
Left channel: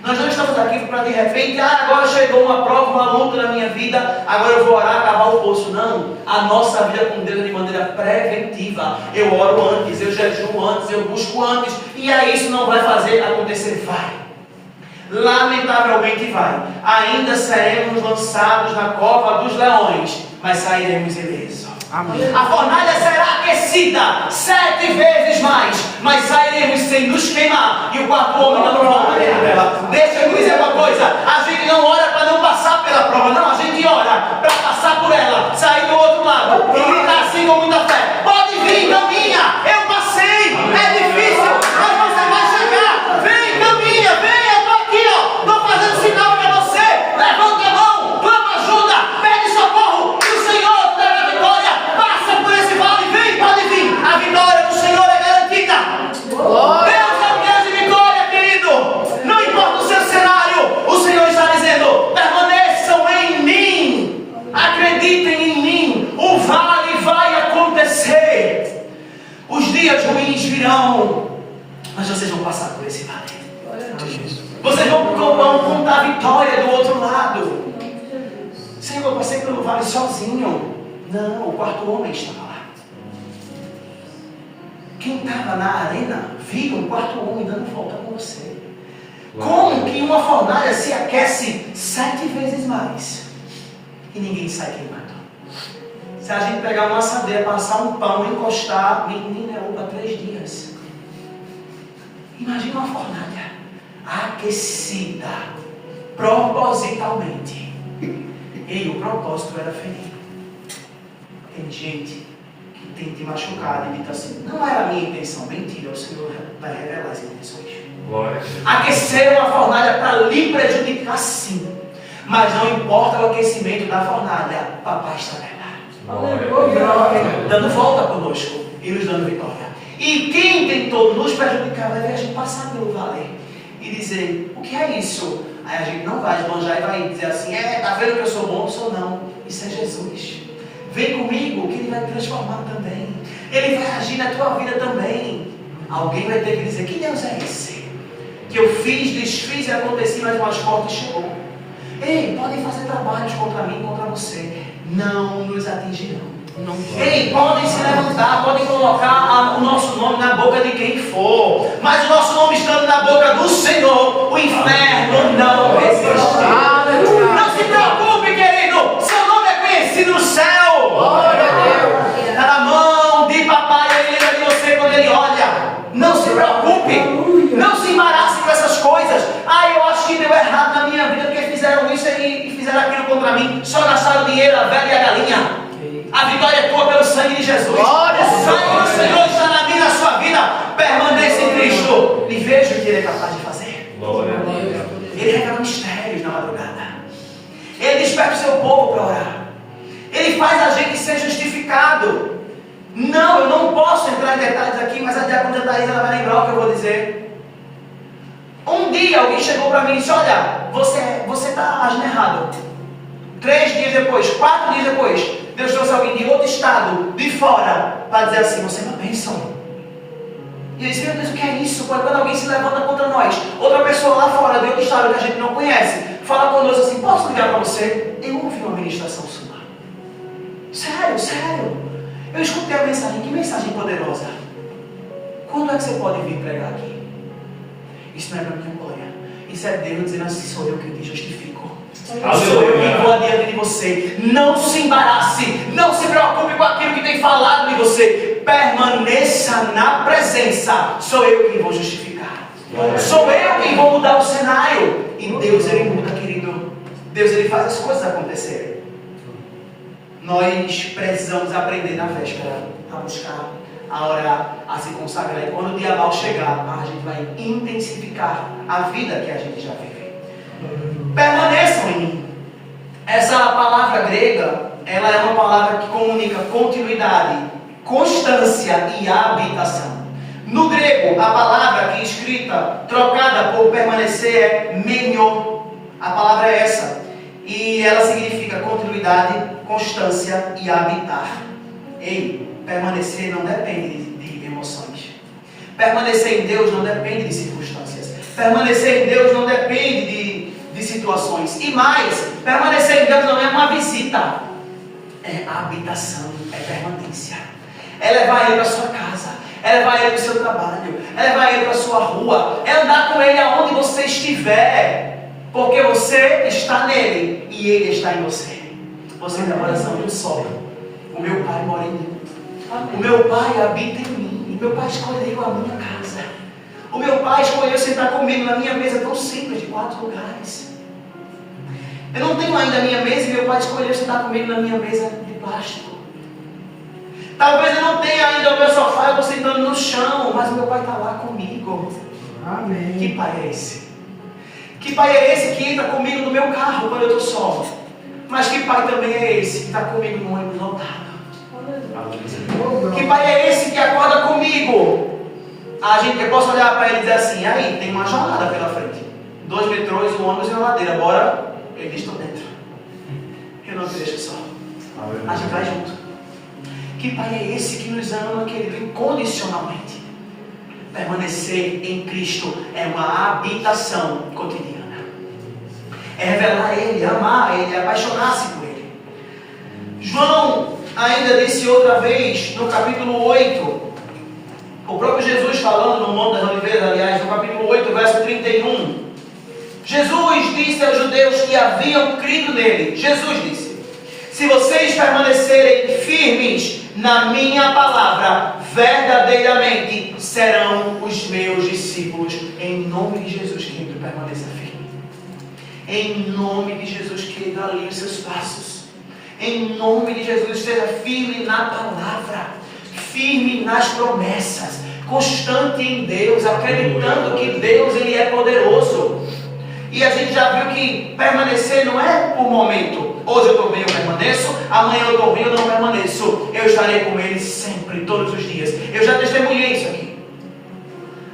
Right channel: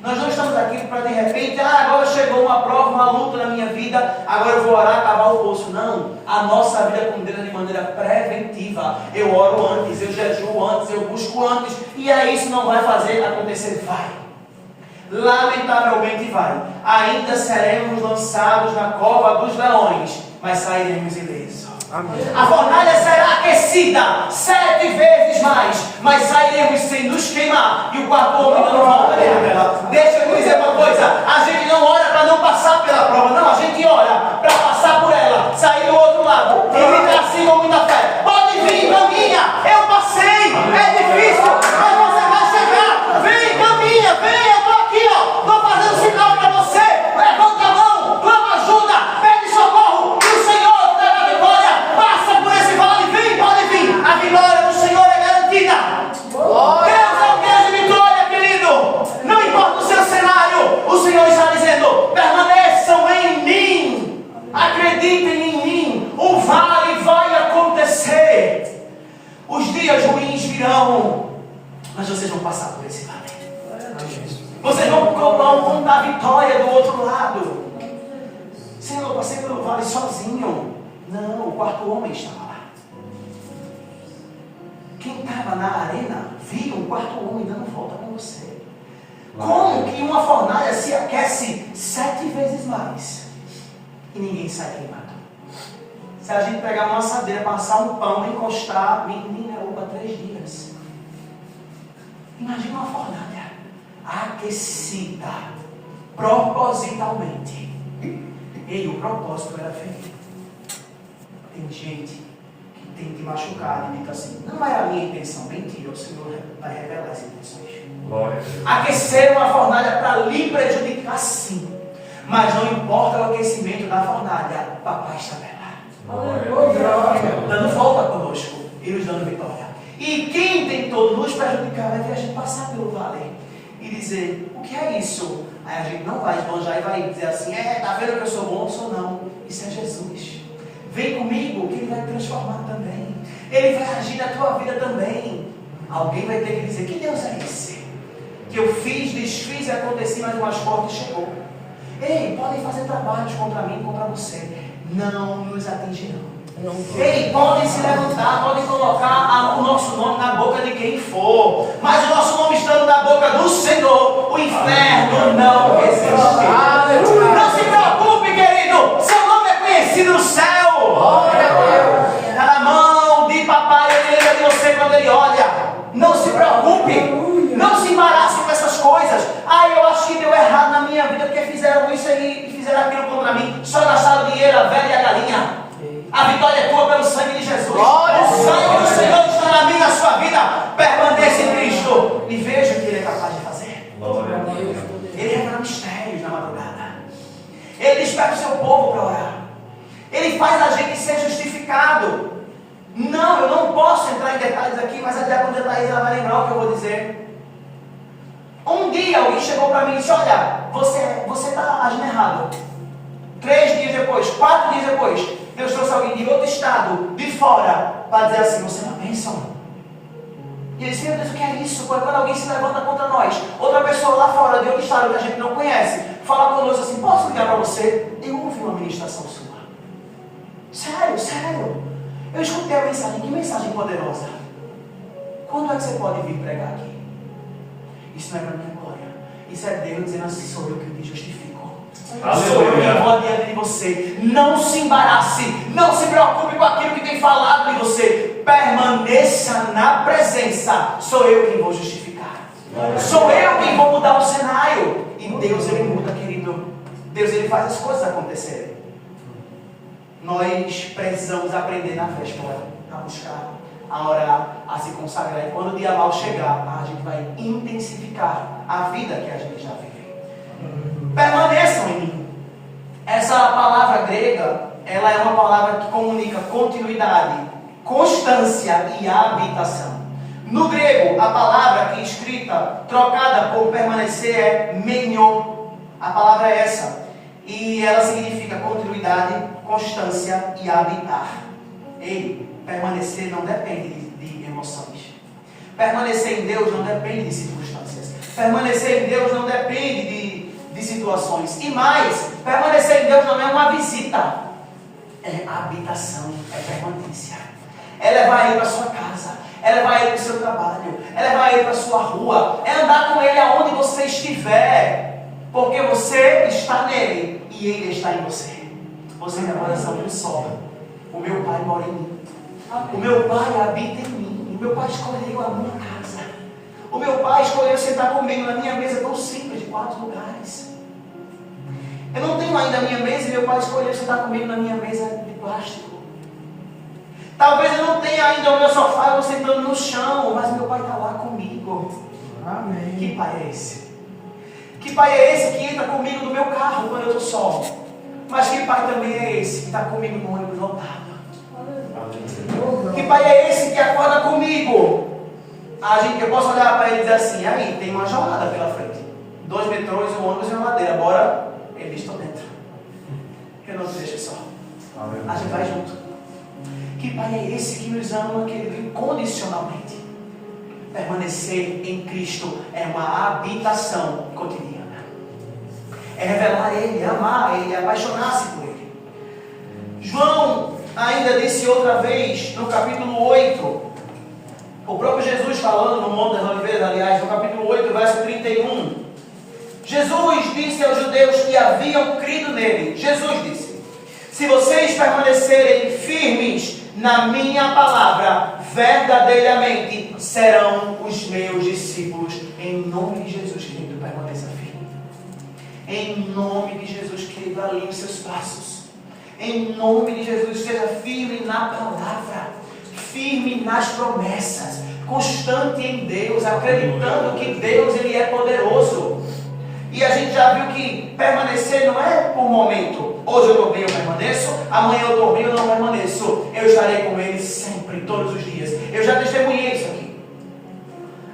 Nós não estamos aqui para de repente, agora chegou uma prova, uma luta na minha vida, agora eu vou orar, cavar o poço. Não, a nossa vida com Deus é de maneira preventiva. Eu oro antes, eu jejuo antes, eu busco antes, e aí isso não vai fazer acontecer? Vai. Lamentavelmente vai. Ainda seremos lançados na cova dos leões, mas sairemos ilesos. Amém. A fornalha será aquecida 7 vezes mais, mas sairemos sem nos queimar. E o quarto homem não volta dela. Deixa eu dizer uma coisa: a gente não ora para não passar pela prova, não, a gente ora para passar por ela, sair do outro lado e gritar assim com muita fé: pode vir, caminha, eu passei, é difícil, mas você vai chegar. Vem, caminha, vem, eu estou aqui, estou fazendo sinal para você. Levanta a mão, clama ajuda, pede socorro, e o Senhor te dará a vitória. Passa por esse vale, vem, pode vir. A vitória do Senhor é garantida. Deus é o Deus de vitória, querido. Não importa o seu cenário, o Senhor está dizendo: permaneçam em mim, acreditem em mim, o vale vai acontecer. Os dias ruins virão, mas vocês vão passar por esse vale. Vocês vão contar a vitória do outro lado. Senhor, eu passei pelo vale sozinho. Não, o quarto homem estava lá. Quem estava na arena viu um quarto homem dando volta com você. Como que uma fornalha se aquece 7 vezes mais e ninguém sai queimado? Se a gente pegar uma assadeira, passar um pão, encostar, menina, é para 3 dias. Imagina uma fornalha aquecida propositalmente. E o propósito era ferir. Tem gente que tem te machucado e dito assim: não era a minha intenção. Mentira, o Senhor vai revelar as intenções. Aqueceram a fornalha para lhe prejudicar, sim, mas não importa o aquecimento da fornalha, papai está nela, dando volta conosco e nos dando vitória. E quem tentou nos prejudicar vai ver a gente passar pelo vale e dizer: o que é isso? Aí a gente não vai esbanjar e vai dizer assim: tá vendo que eu sou bom? Eu sou não. Isso é Jesus. Vem comigo que Ele vai te transformar também. Ele vai agir na tua vida também. Alguém vai ter que dizer: que Deus é esse? Que eu fiz, desfiz e aconteci, mas o mais forte chegou. Ei, podem fazer trabalhos contra mim, contra você, não nos atingirão. Ei, podem se levantar, podem colocar o nosso nome na boca de quem for, mas o nosso nome estando na boca do Senhor, o inferno não resistirá. Não se preocupe, querido, seu nome é conhecido no céu. Glória a Deus. Está na mão de papai, ele lembra de você quando ele olha. Não se preocupe, não se embarace com essas coisas. Eu acho que deu errado na minha vida porque fizeram isso e fizeram aquilo contra mim. Só gastaram dinheiro, a velha e a galinha. A vitória é tua pelo sangue de Jesus. O sangue do Senhor está na minha e na sua vida. Permaneça em Cristo e veja o que Ele é capaz de fazer. Ele revela mistérios na madrugada. Ele desperta o seu povo para orar. Ele faz a gente ser justificado. Não, eu não posso entrar em detalhes aqui, mas a diaconisa Thaís ela vai lembrar o que eu vou dizer. Um dia alguém chegou para mim e disse: olha, você está agindo errado. 3 dias depois, 4 dias depois, Deus trouxe alguém de outro estado, de fora, para dizer assim: você é uma bênção. E eu disse: meu Deus, o que é isso? Quando alguém se levanta contra nós, outra pessoa lá fora, de outro estado que a gente não conhece, fala conosco assim: posso ligar para você? Eu ouvi uma ministração sua. Sério. Eu escutei a mensagem. Que mensagem poderosa. Quando é que você pode vir pregar aqui? Isso não é para minha glória. Isso é Deus dizendo assim: sou eu que te justifico. Sou eu que vou adiante de você. Não se embarace. Não se preocupe com aquilo que tem falado de você. Permaneça na presença. Sou eu quem vou justificar. Sou eu quem vou mudar o cenário. E Deus, Ele muda, querido. Deus, Ele faz as coisas acontecerem. Nós precisamos aprender na véspera a buscar, a orar, a se consagrar. E quando o dia mal chegar, a gente vai intensificar a vida que a gente já vive. Permaneçam em mim. Essa palavra grega, ela é uma palavra que comunica continuidade, constância e habitação. No grego, a palavra aqui escrita, trocada por permanecer, é menio. A palavra é essa. E ela significa continuidade, constância e habitar. Ei, permanecer não depende de emoções. Permanecer em Deus não depende de circunstâncias. Permanecer em Deus não depende de situações. E mais, permanecer em Deus não é uma visita. É habitação, é permanência. É levar Ele para a sua casa. É levar Ele para o seu trabalho. É levar Ele para a sua rua. É andar com Ele aonde você estiver. Porque você está nele e Ele está em você. Você é a oração de um só. O meu Pai mora em mim. O meu Pai habita em mim. O meu Pai escolheu a minha casa. O meu Pai escolheu sentar comigo na minha mesa tão simples, de 4 lugares. Eu não tenho ainda a minha mesa e meu Pai escolheu sentar comigo na minha mesa de plástico. Talvez eu não tenha ainda o meu sofá, eu estou sentando no chão, mas o meu Pai está lá comigo. Amém. Que Pai é esse? Que Pai é esse que entra comigo no meu carro quando eu estou só? Mas que Pai também é esse que está comigo no ônibus lotado? Que Pai é esse que acorda comigo? Eu posso olhar para ele e dizer assim: aí, tem uma jornada pela frente. 2 metrôs, um ônibus e uma ladeira. Bora? Ele diz: estou dentro. Eu não te deixo só. A gente vai junto. Que Pai é esse que nos ama, querido, incondicionalmente? Permanecer em Cristo é uma habitação cotidiana. É revelar Ele, amar Ele, apaixonar-se por Ele. João ainda disse outra vez, no capítulo 8, o próprio Jesus falando no Monte das Oliveiras, aliás, no capítulo 8, verso 31. Jesus disse aos judeus que haviam crido nele. Jesus disse: se vocês permanecerem firmes na minha palavra, verdadeiramente serão os meus discípulos. Em nome de Jesus, querido, permaneça firme. Em nome de Jesus, querido, alinhe os seus passos. Em nome de Jesus, esteja firme na palavra, firme nas promessas, constante em Deus, acreditando que Deus, Ele é poderoso. E a gente já viu que permanecer não é por momento. Hoje eu estou bem, eu permaneço. Amanhã eu estou bem, eu não permaneço. Eu estarei com Ele sempre, todos os dias. Eu já testemunhei isso aqui.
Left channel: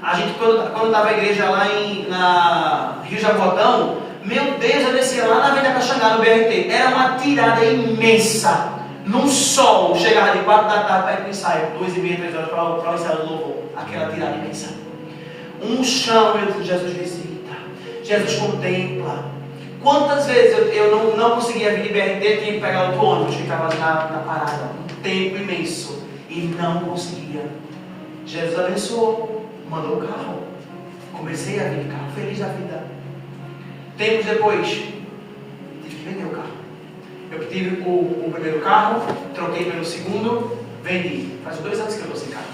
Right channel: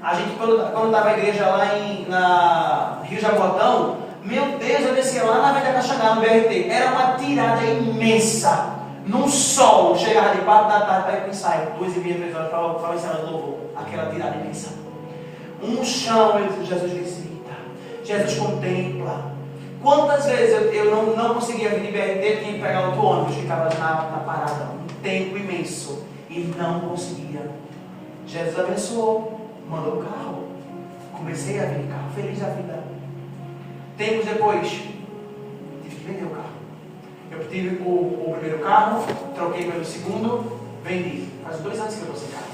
A gente, quando estava a igreja lá na Rio Jabotão, meu Deus, eu descia lá na Avenida Caxangá, no BRT. Era uma tirada imensa. Num sol, chegava de 4 da tarde para ir para o ensaio. 2h30, 3 horas para o ensaio do louvor. Aquela tirada imensa. Um chão, meu Deus, Jesus visita. Jesus contempla. Quantas vezes eu não conseguia vir de BRT, tinha que pegar outro ônibus, ficava na parada, um tempo imenso, e não conseguia. Jesus abençoou, mandou o carro. Comecei a vir de carro, feliz da vida. Tempos depois, tive que vender o carro. Eu tive o primeiro carro, troquei pelo segundo, vendi. Faz 2 anos que eu estou sem carro.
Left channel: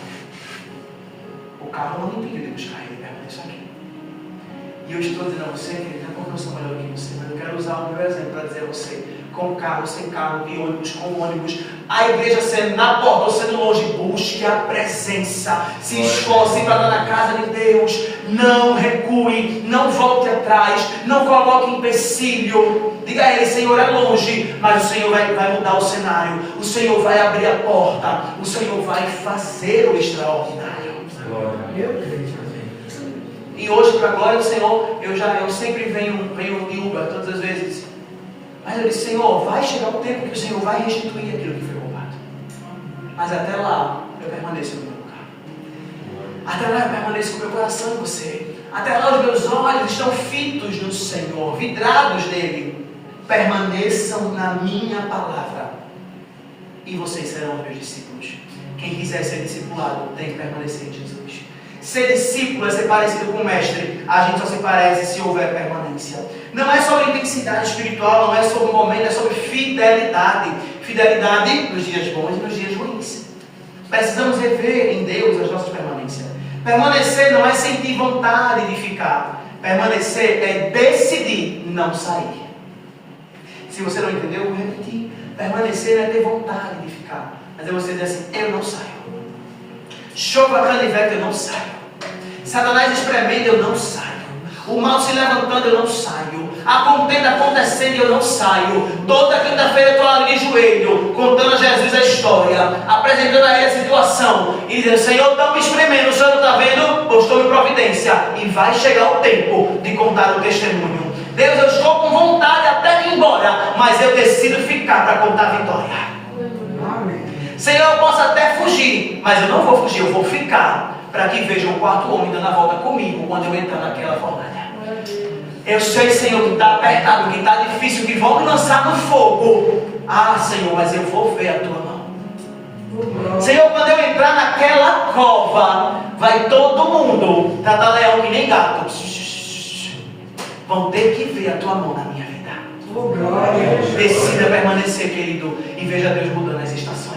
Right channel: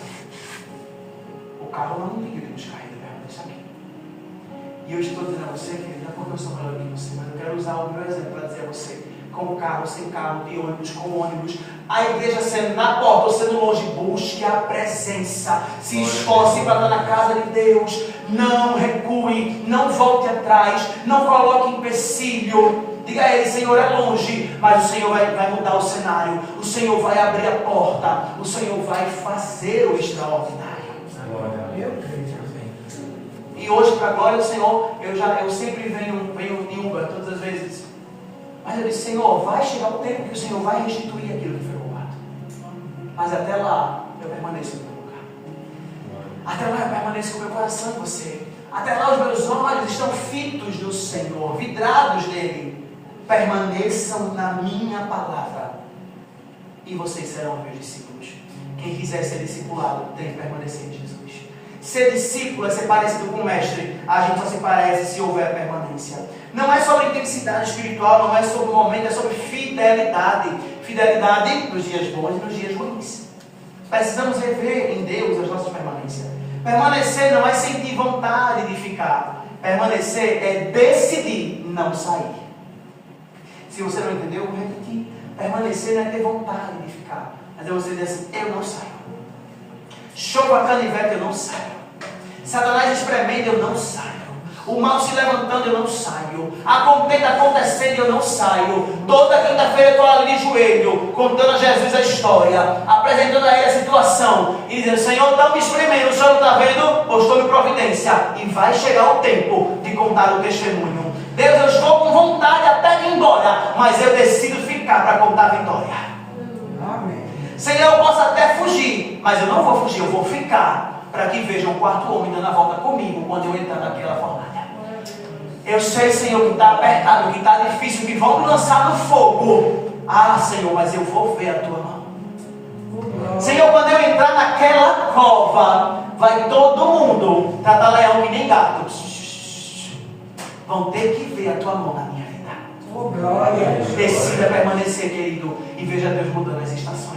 O carro não me impediu de buscar ele, permaneço aqui. E eu estou dizendo a você, querido, não porque eu sou melhor que você, mas eu quero usar o meu exemplo para dizer a você, com carro, sem carro, de ônibus, com ônibus, a igreja sendo na porta ou sendo longe, busque a presença, se esforce para estar na casa de Deus, não recue, não volte atrás, não coloque empecilho, diga a Ele: Senhor, é longe, mas o Senhor vai mudar o cenário, o Senhor vai abrir a porta, o Senhor vai fazer o extraordinário. E hoje, para a glória do Senhor, eu sempre venho em Uber, todas as vezes. Mas eu disse: Senhor, vai chegar o tempo que o Senhor vai restituir aquilo que foi roubado. Mas até lá, eu permaneço no meu lugar. Até lá eu permaneço com o meu coração em você. Até lá os meus olhos estão fitos no Senhor, vidrados nele. Permaneçam na minha palavra, e vocês serão meus discípulos. Quem quiser ser discipulado tem que permanecer em Jesus. Ser discípulo é ser parecido com o mestre. A gente só se parece se houver permanência. Não é sobre intensidade espiritual, não é sobre momento, é sobre fidelidade. Fidelidade nos dias bons e nos dias ruins. Precisamos rever em Deus as nossas permanências. Permanecer não é sentir vontade de ficar. Permanecer é decidir não sair. Se você não entendeu, eu vou repetir. Permanecer não é ter vontade de ficar. Mas é você dizer assim, eu não saio. Chova canivete, eu não saio. Satanás espremendo, eu não saio. O mal se levantando, eu não saio. A contenda acontecendo, eu não saio. Toda quinta-feira eu estou ali de joelho, contando a Jesus a história, apresentando a ele a situação, e dizendo, Senhor, estão me espremendo, o Senhor não está vendo? Pois estou em providência. E vai chegar o tempo de contar o testemunho. Deus, eu estou com vontade até de ir embora, mas eu decido ficar para contar a vitória. Senhor, eu posso até fugir, mas eu não vou fugir, eu vou ficar, para que vejam o quarto homem dando a volta comigo, quando eu entrar naquela fornalha. Eu sei, Senhor, que está apertado, que está difícil, que vão me lançar no fogo. Ah, Senhor, mas eu vou ver a tua mão. Senhor, quando eu entrar naquela cova, vai todo mundo tratar leão que nem gato. Vão ter que ver a tua mão na minha vida. Decida permanecer, querido, e veja Deus mudando as estações.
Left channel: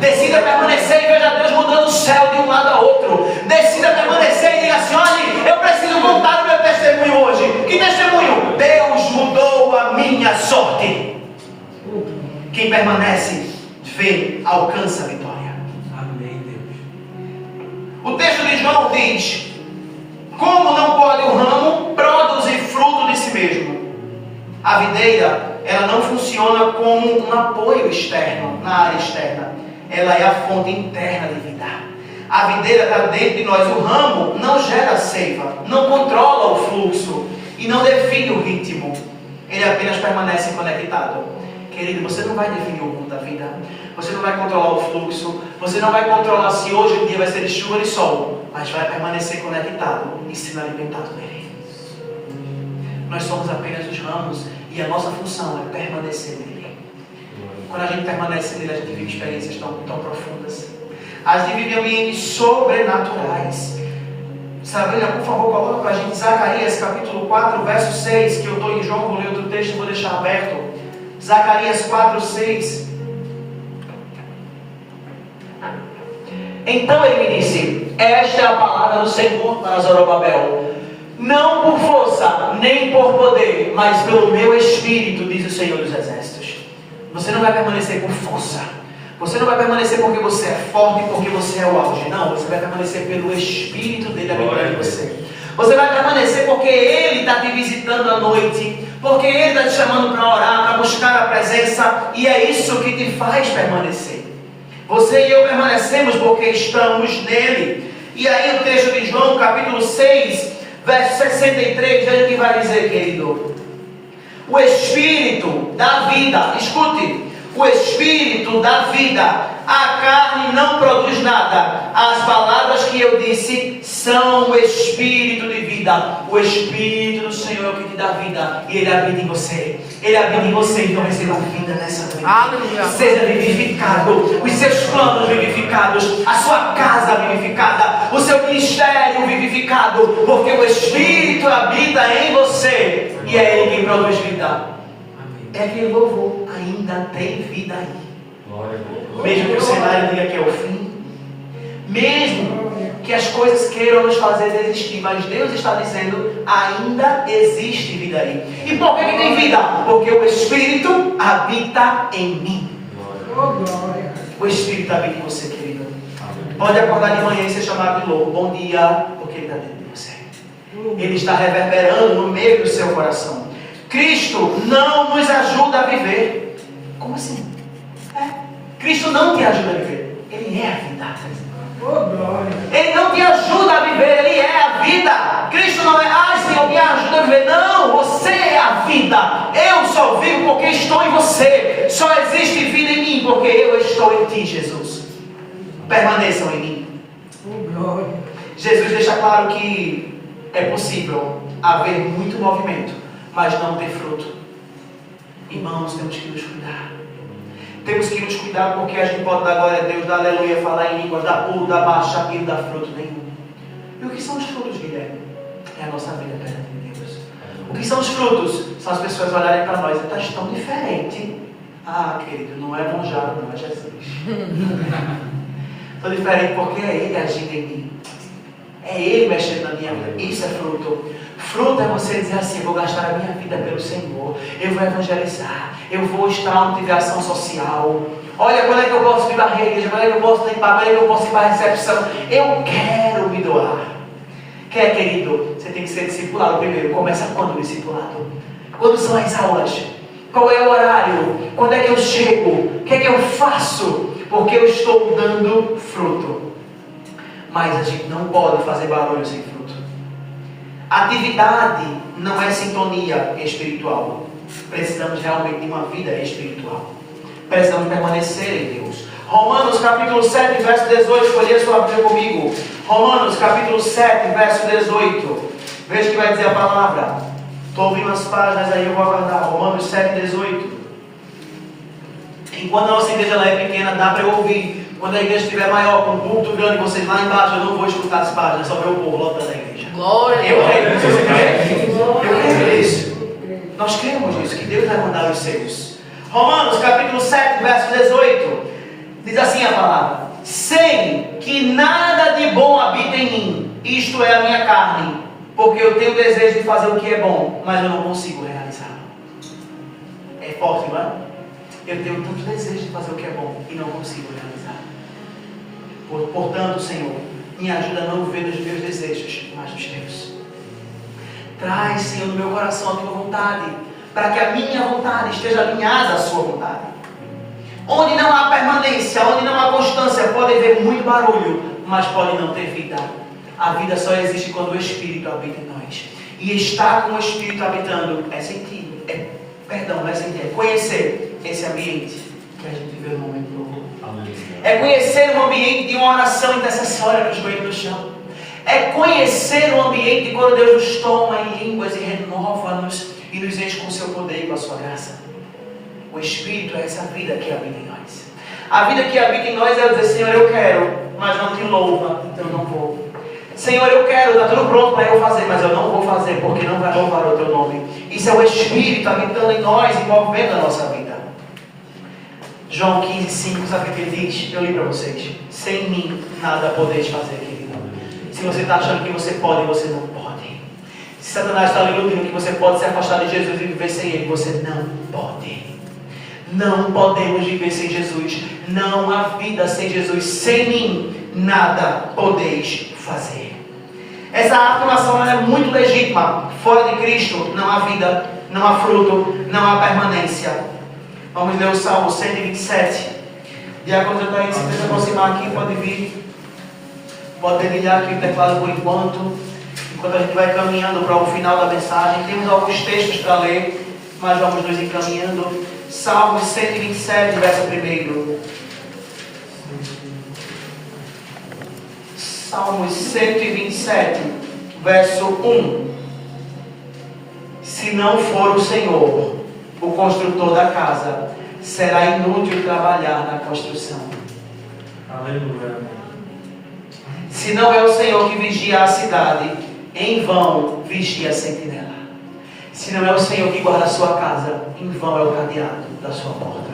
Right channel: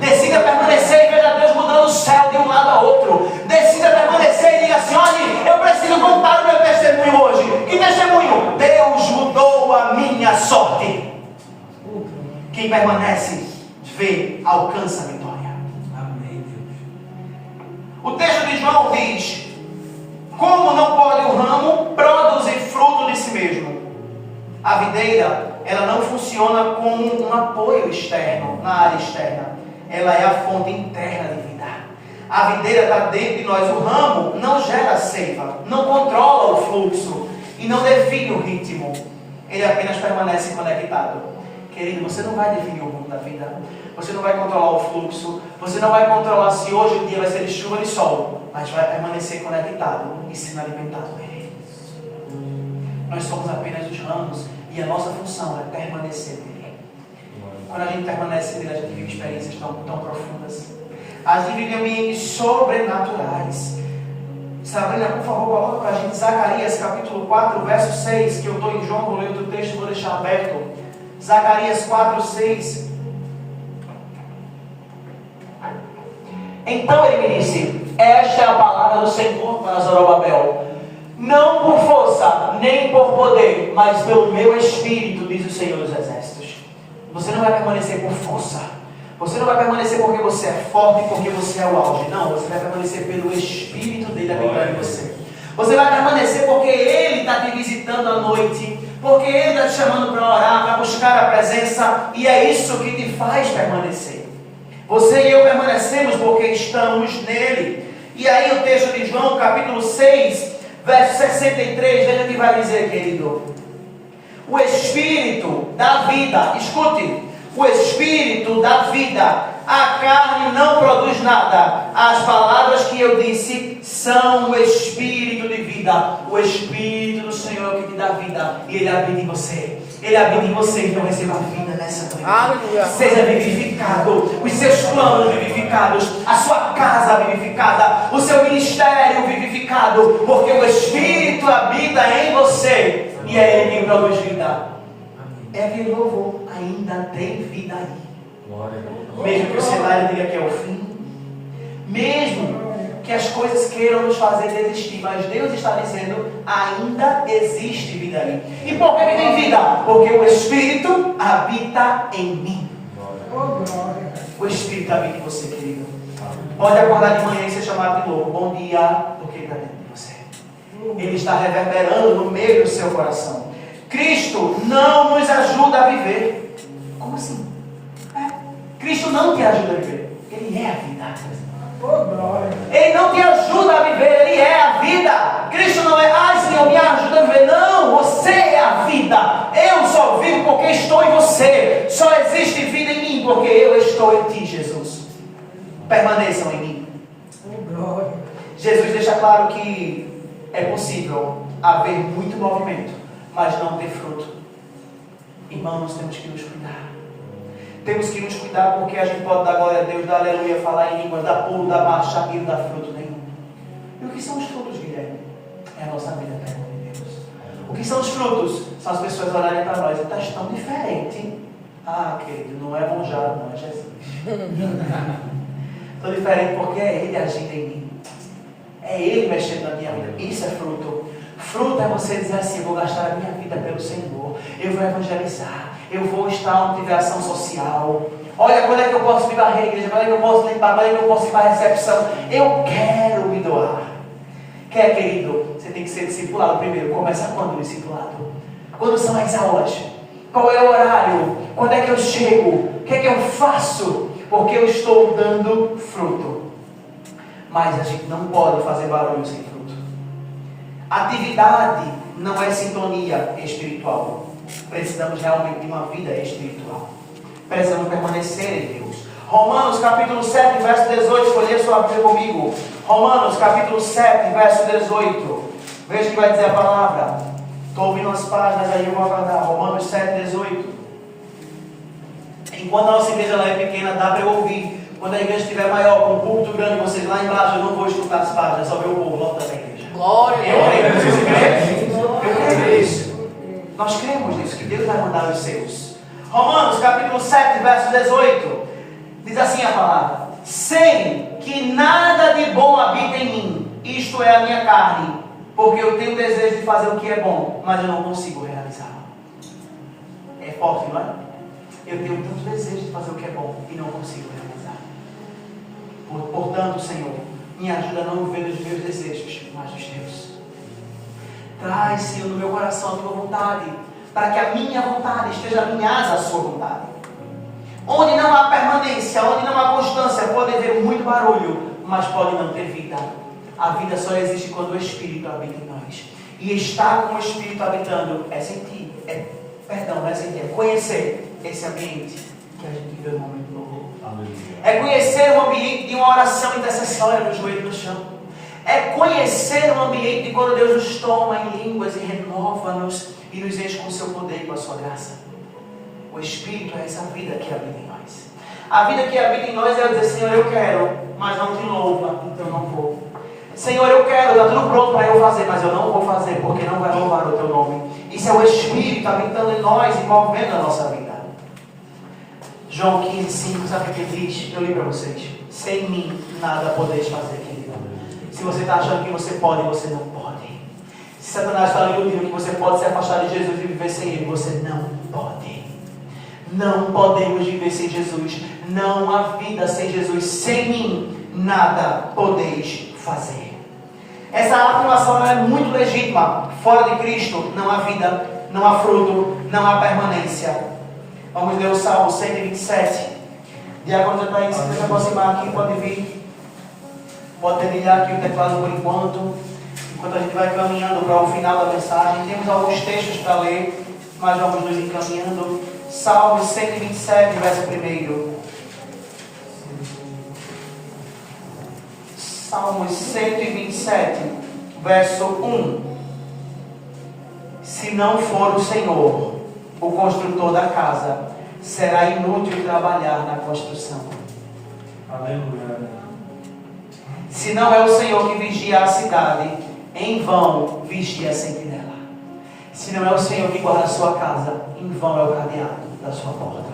Decida permanecer e veja Deus mudando o céu de um lado a outro. Decida permanecer e diga assim, olha, eu preciso contar o meu testemunho hoje. Que testemunho? Deus mudou a minha sorte. Quem permanece, vê, alcança a vitória. Amém, Deus. O texto de João diz, como não pode o ramo produzir fruto de si mesmo? A videira, ela não funciona como um apoio externo, na área externa. Ela é a fonte interna de vida. A videira está dentro de nós. O ramo não gera seiva, não controla o fluxo e não define o ritmo. Ele apenas permanece conectado. Querido, você não vai definir o rumo da vida. Você não vai controlar o fluxo. Você não vai controlar se hoje o dia vai ser de chuva ou de sol. Mas vai permanecer conectado e sendo alimentado nele. Nós somos apenas os ramos e a nossa função é permanecer nele. Quando a gente permanece nele, a gente vive experiências tão profundas. A gente vive ambientes sobrenaturais. Sabrina, por favor, coloca para a gente Zacarias capítulo 4, verso 6, que eu estou em João, vou ler outro texto, vou deixar aberto. Zacarias 4, 6. Então ele me disse, esta é a palavra do Senhor para Zorobabel. Não por força, nem por poder, mas pelo meu Espírito, diz o Senhor dos Exércitos. Você não vai permanecer por força. Você não vai permanecer porque você é forte, porque você é o auge. Não, você vai permanecer pelo Espírito dele habitando em você. Você vai permanecer porque ele está te visitando à noite, porque ele está te chamando para orar, para buscar a presença, e é isso que te faz permanecer. Você e eu permanecemos porque estamos nele. E aí o texto de João, capítulo 6, verso 63, veja o que vai dizer, querido. O Espírito da vida, escute, o Espírito da vida, a carne não produz nada. As palavras que eu disse são o Espírito de vida. O Espírito do Senhor que te dá vida, e Ele habita em você. Ele habita em você, então receba vida nessa noite. Aleluia. Seja vivificado, os seus planos vivificados, a sua casa vivificada, o seu ministério vivificado, porque o Espírito habita em você e é Ele quem produz vida. É aquele louvor, ainda tem vida aí. Mesmo que o cenário diga que é o fim, mesmo que as coisas queiram nos fazer desistir, mas Deus está dizendo, ainda existe vida aí. E por que tem vida? Porque o Espírito habita em mim. O Espírito habita em você, querido. Pode acordar de manhã e ser chamado de louco. Bom dia, porque Ele está dentro de você. Ele está reverberando no meio do seu coração. Cristo não nos ajuda a viver. Como assim? Cristo não te ajuda a viver. Ele é a vida. Ele não te ajuda a viver, Ele é a vida. Cristo não é, Senhor, me ajuda a viver. Não, você é a vida. Eu só vivo porque estou em você. Só existe vida em mim porque eu estou em ti, Jesus. Permaneçam em mim. Jesus deixa claro que é possível haver muito movimento, mas não ter fruto. Irmãos, temos que nos cuidar. Temos que nos cuidar porque a gente pode dar glória a Deus, dar aleluia, falar em línguas, dar pulo, dar marcha, e não dar fruto nenhum. E o que são os frutos, Guilherme? É a nossa vida perante Deus. O que são os frutos? São as pessoas olharem para nós e estás tão diferente. Ah, querido, não é monjado, não, é Jesus. Estou diferente porque é Ele agindo em mim. É Ele mexendo na minha vida. Isso é fruto. Fruto é você dizer assim: eu vou gastar a minha vida pelo Senhor, eu vou evangelizar, eu vou estar onde tiver ação social. Olha, quando é que eu posso vir varrer a igreja, quando é que eu posso limpar, quando é que eu posso ir para a recepção. Eu quero me doar. Quer, querido? Você tem que ser discipulado primeiro. Começa quando o discipulado? Quando são as aulas? Qual é o horário? Quando é que eu chego? O que é que eu faço? Porque eu estou dando fruto. Mas a gente não pode fazer barulho sem fruto. Atividade não é sintonia espiritual. Precisamos realmente de uma vida espiritual. Precisamos permanecer em Deus. Romanos capítulo 7, verso 18. Escolhi a sua Bíblia comigo. Romanos capítulo 7, verso 18. Veja o que vai dizer a palavra. Estou ouvindo as páginas aí, eu vou aguardar. Romanos 7, 18. Enquanto a nossa igreja lá é pequena, dá para eu ouvir. Quando a igreja estiver maior, com um púlpito grande, vocês lá embaixo, eu não vou escutar as páginas, só ver o povo lotando a igreja. Glória! Eu creio, vocês creem? Eu creio nisso. Nós cremos nisso, que Deus vai mandar os seus. Romanos capítulo 7, verso 18. Diz assim a palavra: sem que nada de bom habite em mim, isto é a minha carne, porque eu tenho desejo de fazer o que é bom, mas eu não consigo realizar. É forte, não é? Eu tenho tanto desejo de fazer o que é bom e não consigo realizar. Portanto, Senhor, me ajuda a não viver nos meus desejos, mas nos teus. Traz, Senhor, no meu coração a tua vontade, para que a minha vontade esteja alinhada à sua vontade. Onde não há permanência, onde não há constância, pode haver muito barulho, mas pode não ter vida. A vida só existe quando o Espírito habita em nós. E estar com o Espírito habitando é sentir, é conhecer esse ambiente que a gente vê no momento do louvor. É conhecer um ambiente de uma oração intercessória no joelho no chão. É conhecer um ambiente de quando Deus nos toma em línguas e renova-nos e nos enche com o seu poder e com a sua graça. O Espírito é essa vida que habita em nós. A vida que habita em nós é dizer: Senhor, eu quero, mas não te louva, então eu não vou. Senhor, eu quero, está tudo pronto para eu fazer, mas eu não vou fazer, porque não vai louvar o teu nome. Isso é o Espírito habitando em nós e movendo a nossa vida. João 15, 5, sabe o que ele diz? Eu li para vocês: sem mim nada podeis fazer, querido. Se você está achando que você pode, você não pode. Se Satanás está lhe iludindo que você pode se afastar de Jesus e viver sem Ele, você não pode. Não podemos viver sem Jesus. Não há vida sem Jesus. Sem mim nada podeis fazer. Essa afirmação é muito legítima. Fora de Cristo não há vida, não há fruto, não há permanência. Vamos ler o Salmo 127. Diácono já está aí, se você se aproximar aqui, pode vir. Pode dedilhar aqui o teclado por enquanto a gente vai caminhando para o final da mensagem. Temos alguns textos para ler, mas vamos nos encaminhando. Salmo 127, verso 1. Salmos 127, verso 1. Se não for o Senhor o construtor da casa, será inútil trabalhar na construção. Aleluia. Se não é o Senhor que vigia a cidade, em vão vigia a sentinela. Se não é o Senhor que guarda a sua casa, em vão é o cadeado da sua porta.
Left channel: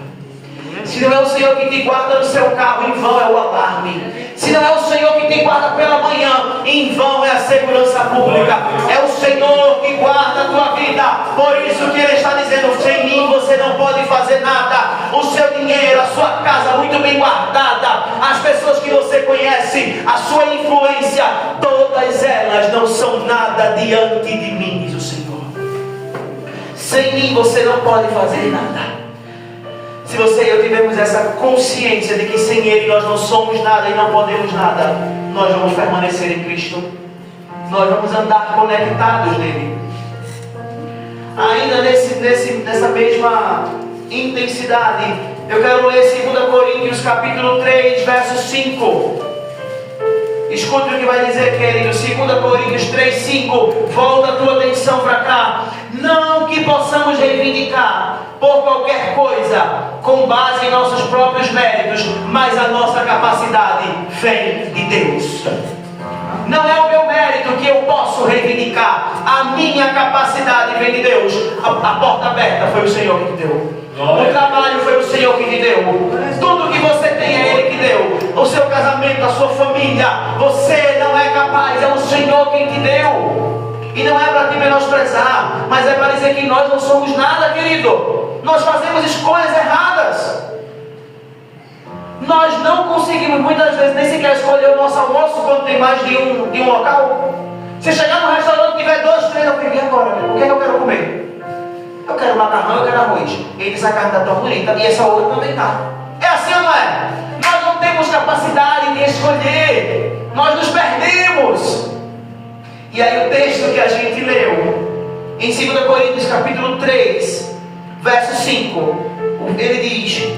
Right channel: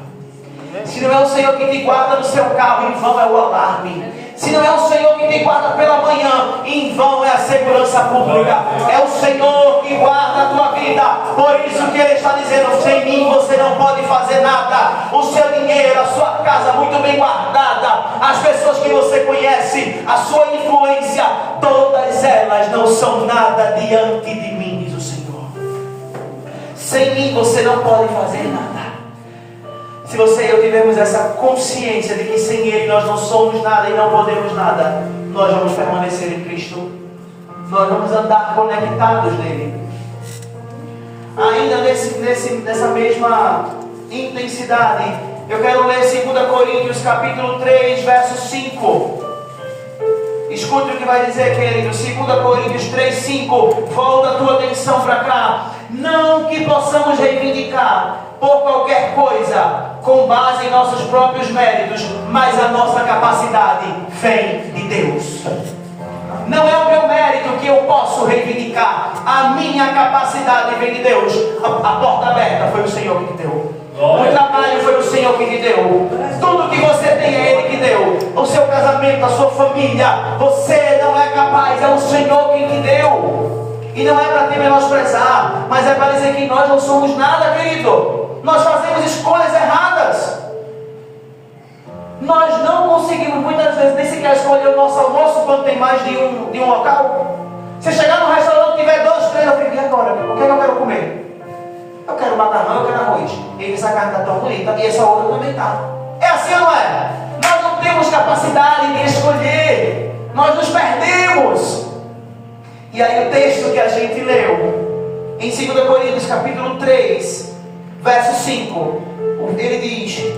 Se não é o Senhor que te guarda no seu carro, em vão é o alarme. Se não é o Senhor que te guarda pela manhã, em vão é a segurança pública. É o Senhor que guarda a tua vida. Por isso que Ele está dizendo: sem mim você não pode fazer nada. O seu dinheiro, a sua casa muito bem guardada, as pessoas que você conhece, a sua influência, todas elas não são nada diante de mim, diz o Senhor. Sem mim você não pode fazer nada. Se você e eu tivermos essa consciência de que sem Ele nós não somos nada e não podemos nada, nós vamos permanecer em Cristo. Nós vamos andar conectados nele. Ainda nessa mesma intensidade, eu quero ler 2 Coríntios capítulo 3, verso 5. Escute o que vai dizer, querido. 2 Coríntios 3, 5. Volta a tua atenção para cá. Não que possamos reivindicar por qualquer coisa com base em nossos próprios méritos, mas a nossa capacidade vem de Deus. Não é o meu mérito que eu posso reivindicar. A minha capacidade vem de Deus. A porta aberta foi o Senhor que te deu. O trabalho foi o Senhor que te deu. Tudo que você tem é Ele que deu. O seu casamento, a sua família, você não é capaz, é o Senhor quem te deu. E não é para te menosprezar, mas é para dizer que nós não somos nada, querido. Nós fazemos escolhas erradas. Nós não conseguimos muitas vezes nem sequer escolher o nosso almoço quando tem mais de um local. Se chegar no restaurante e tiver 2, 3, eu fico, e agora? O que é que eu quero comer? Eu quero macarrão, eu quero arroz. Ele diz, a carne está tão bonita e essa outra também está. É assim ou não é? Nós não temos capacidade de escolher. Nós nos perdemos. E aí o texto que a gente leu em 2 Coríntios capítulo 3 verso 5, ele diz:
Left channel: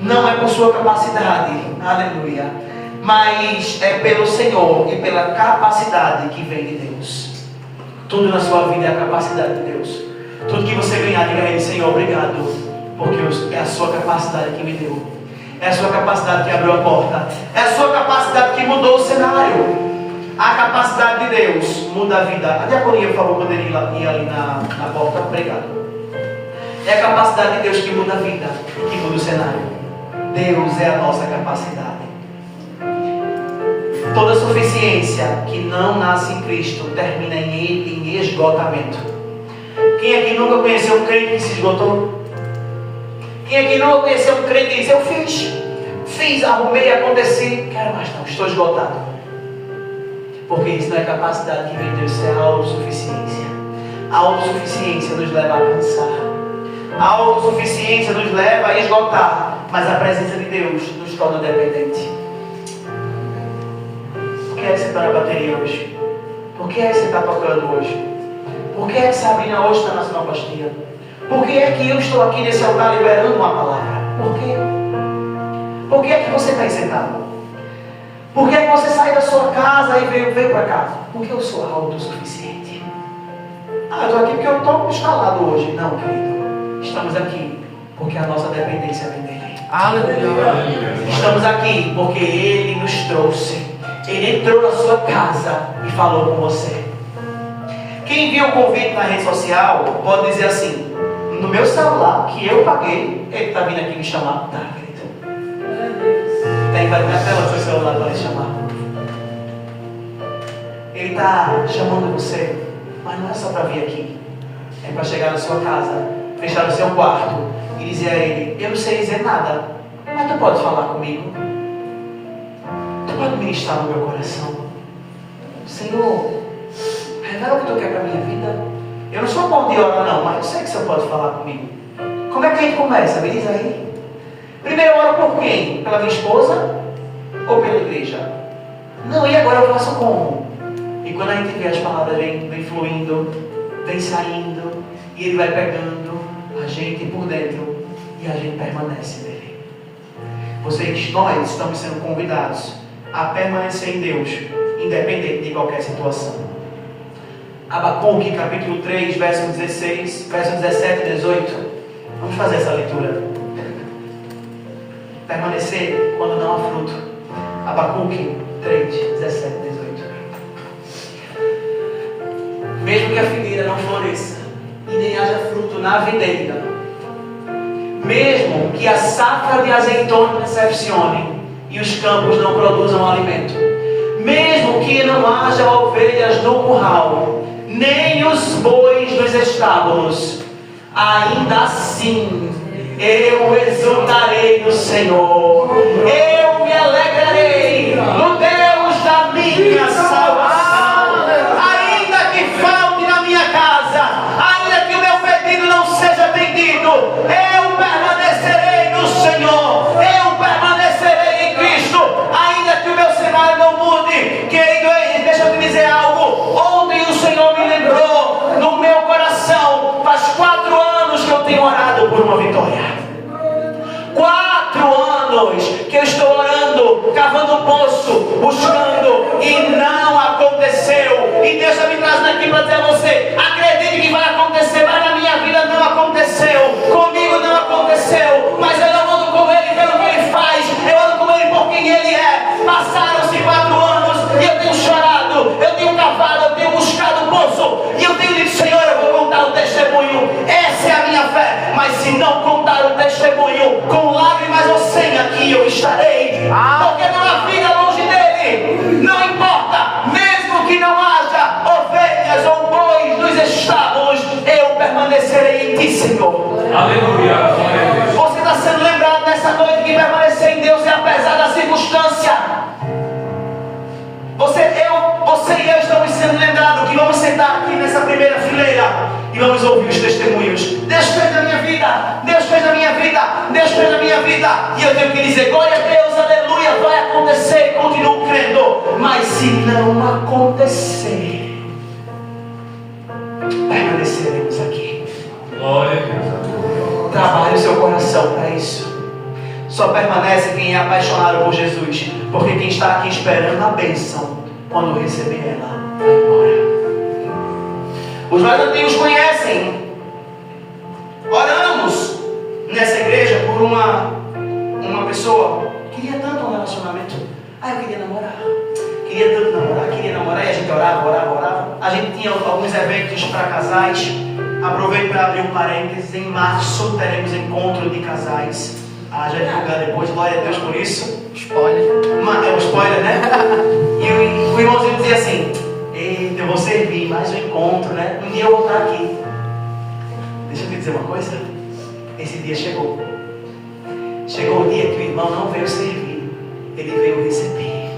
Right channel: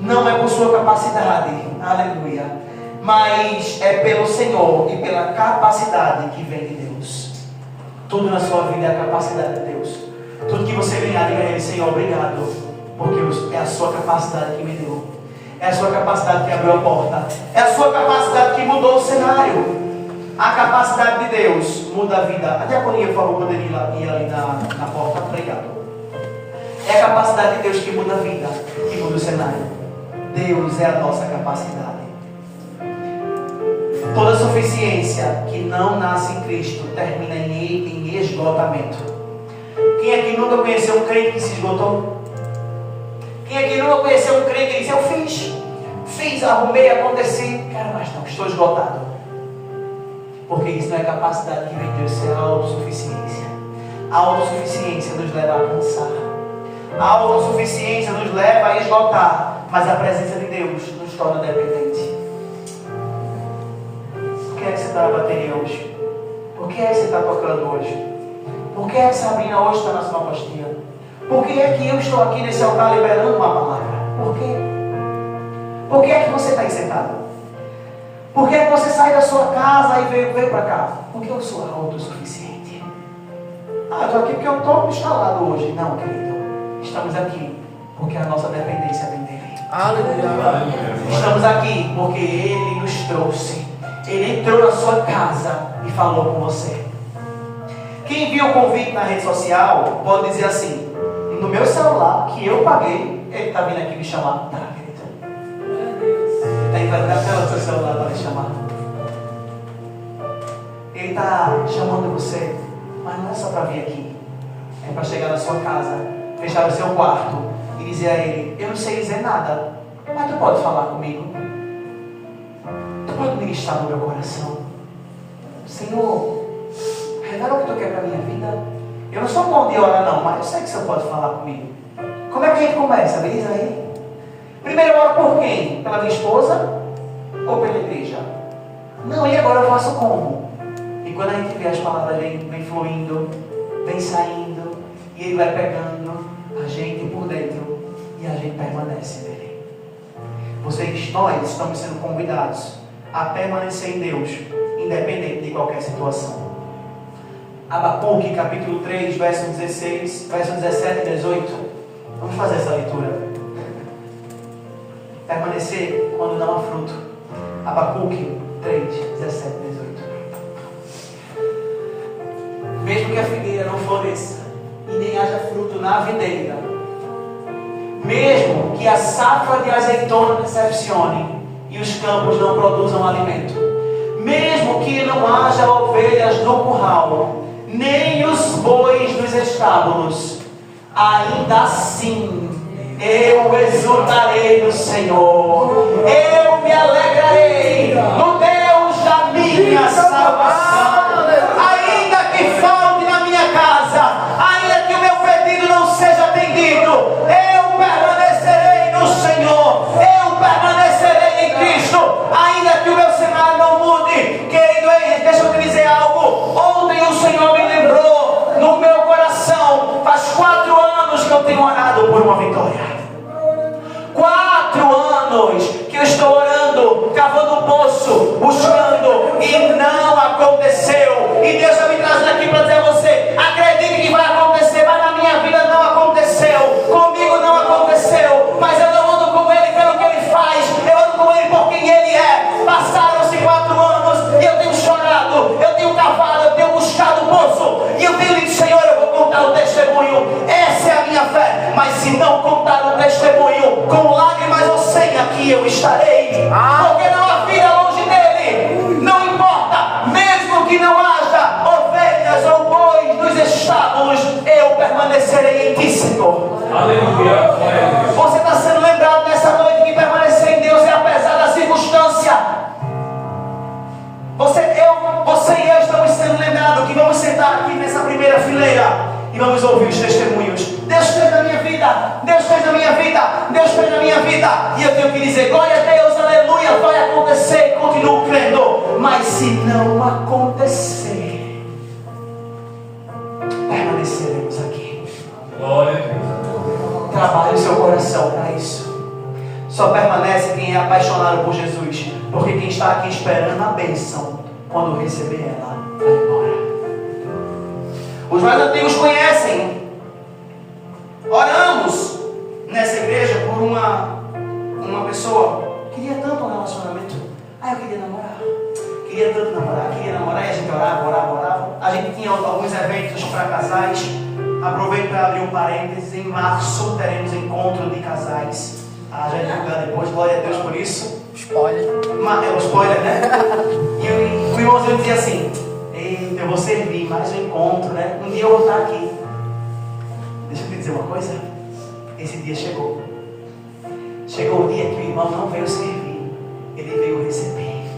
não é por sua capacidade, aleluia, mas é pelo Senhor e pela capacidade que vem de Deus. Tudo na sua vida é a capacidade de Deus. Tudo que você ganhar, diga a Ele: Senhor, obrigado, porque é a sua capacidade que me deu, é a sua capacidade que abriu a porta, é a sua capacidade que mudou o cenário. A capacidade de Deus muda a vida. A diaconia, por favor, poderia ir ali na porta. Obrigado. É a capacidade de Deus que muda a vida, que muda o cenário. Deus é a nossa capacidade. Toda suficiência que não nasce em Cristo termina em esgotamento. Quem aqui nunca conheceu um crente que se esgotou? Quem aqui nunca conheceu um crente que diz: eu fiz, arrumei, aconteci, quero mais não, estou esgotado. Porque isso não é capacidade que vem de Deus, isso é a autossuficiência. A autossuficiência nos leva a cansar. A autossuficiência nos leva a esgotar. Mas a presença de Deus nos torna dependente. Por que é que você está na bateria hoje? Por que é que você está tocando hoje? Por que é que Sabrina hoje está na sonoplastia? Por que é que eu estou aqui nesse altar liberando uma palavra? Por quê? Por que é que você está aí sentado? Por que é que você sai da sua casa e veio para cá? Porque eu sou autossuficiente. Eu estou aqui porque eu estou instalado hoje. Não, querido. Estamos aqui porque a nossa dependência vem dele. Aleluia. Estamos aqui porque Ele nos trouxe. Ele entrou na sua casa e falou com você. Quem viu o convite na rede social pode dizer assim: no meu celular que eu paguei, ele está vindo aqui me chamar. Tá, querido. Daí vai dar tela do seu celular para lhe chamar. Ele está chamando você, mas não é só para vir aqui. É para chegar na sua casa, fechar o seu quarto e dizer a Ele: eu não sei dizer nada, mas tu pode falar comigo. Tu pode ministrar no meu coração. Senhor, revela o que tu quer para a minha vida. Eu não sou bom de orar não, mas eu sei que você pode falar comigo. Como é que a gente começa? Me diz aí. Primeiro eu oro por quem? Pela minha esposa ou pela igreja? Não, e agora eu faço como? E quando a gente vê as palavras vem fluindo, vem saindo, e Ele vai pegando a gente por dentro e a gente permanece nele. Nós estamos sendo convidados a permanecer em Deus, independente de qualquer situação. Abacuque, capítulo 3, verso 16, verso 17 e 18. Vamos fazer essa leitura. Permanecer quando não há fruto. Abacuque 3, 17 e 18. Mesmo que a figueira não floresça e nem haja fruto na videira, mesmo que a safra de azeitona decepcione e os campos não produzam alimento, mesmo que não haja ovelhas no curral, nem os bois nos estábulos, ainda assim eu exultarei no Senhor, eu me alegrarei no Deus da minha salvação. Ainda que falte na minha casa, ainda que o meu pedido não seja atendido, eu permanecerei no Senhor, eu permanecerei em Cristo, ainda que o meu cenário não mude. Querido, deixa eu te dizer algo. Ontem o Senhor me lembrou no meu coração, faz 4 anos que eu tenho orado por uma vitória. 4 anos que eu estou orando, cavando poço, buscando, e não aconteceu. E Deus está me trazendo aqui para dizer a você: acredite que vai acontecer, mas na minha vida não aconteceu, comigo não aconteceu, mas eu não ando com Ele pelo que Ele faz, eu ando com Ele por quem Ele é. Passaram-se 4 anos e eu tenho chorado testemunho, com lágrimas ou sem, aqui eu estarei, porque não há vida longe dele. Não importa, mesmo que não haja ovelhas ou bois nos estábulos, eu permanecerei em ti, Senhor. Aleluia. Você está sendo lembrado nessa noite que permanecer em Deus é apesar da circunstância. Você e eu estamos sendo lembrados que vamos sentar aqui nessa primeira fileira e vamos ouvir os testemunhos. Deus fez na minha vida, Deus fez na minha vida, Deus fez na minha vida. E eu tenho que dizer, glória a Deus, aleluia, vai acontecer, continuo crendo. Mas se não acontecer, permaneceremos aqui. Glória a Deus. Trabalhe o seu coração para isso. Só permanece quem é apaixonado por Jesus, porque quem está aqui esperando a bênção, quando receber ela, vai embora. Os mais antigos conhecem. Oramos nessa igreja por uma pessoa que queria tanto um relacionamento. Eu queria namorar. Queria tanto namorar, queria namorar. E a gente orava. A gente tinha alguns eventos para casais. Aproveito para abrir um parênteses. Em março teremos encontro de casais. Já divulgar depois, glória a Deus por isso. Spoiler. É um spoiler, né? E o irmãozinho dizia assim: eu vou servir mais um encontro, né? Um dia eu vou estar aqui. Deixa eu te dizer uma coisa. Esse dia chegou. Chegou o dia que o irmão não veio servir, ele veio receber.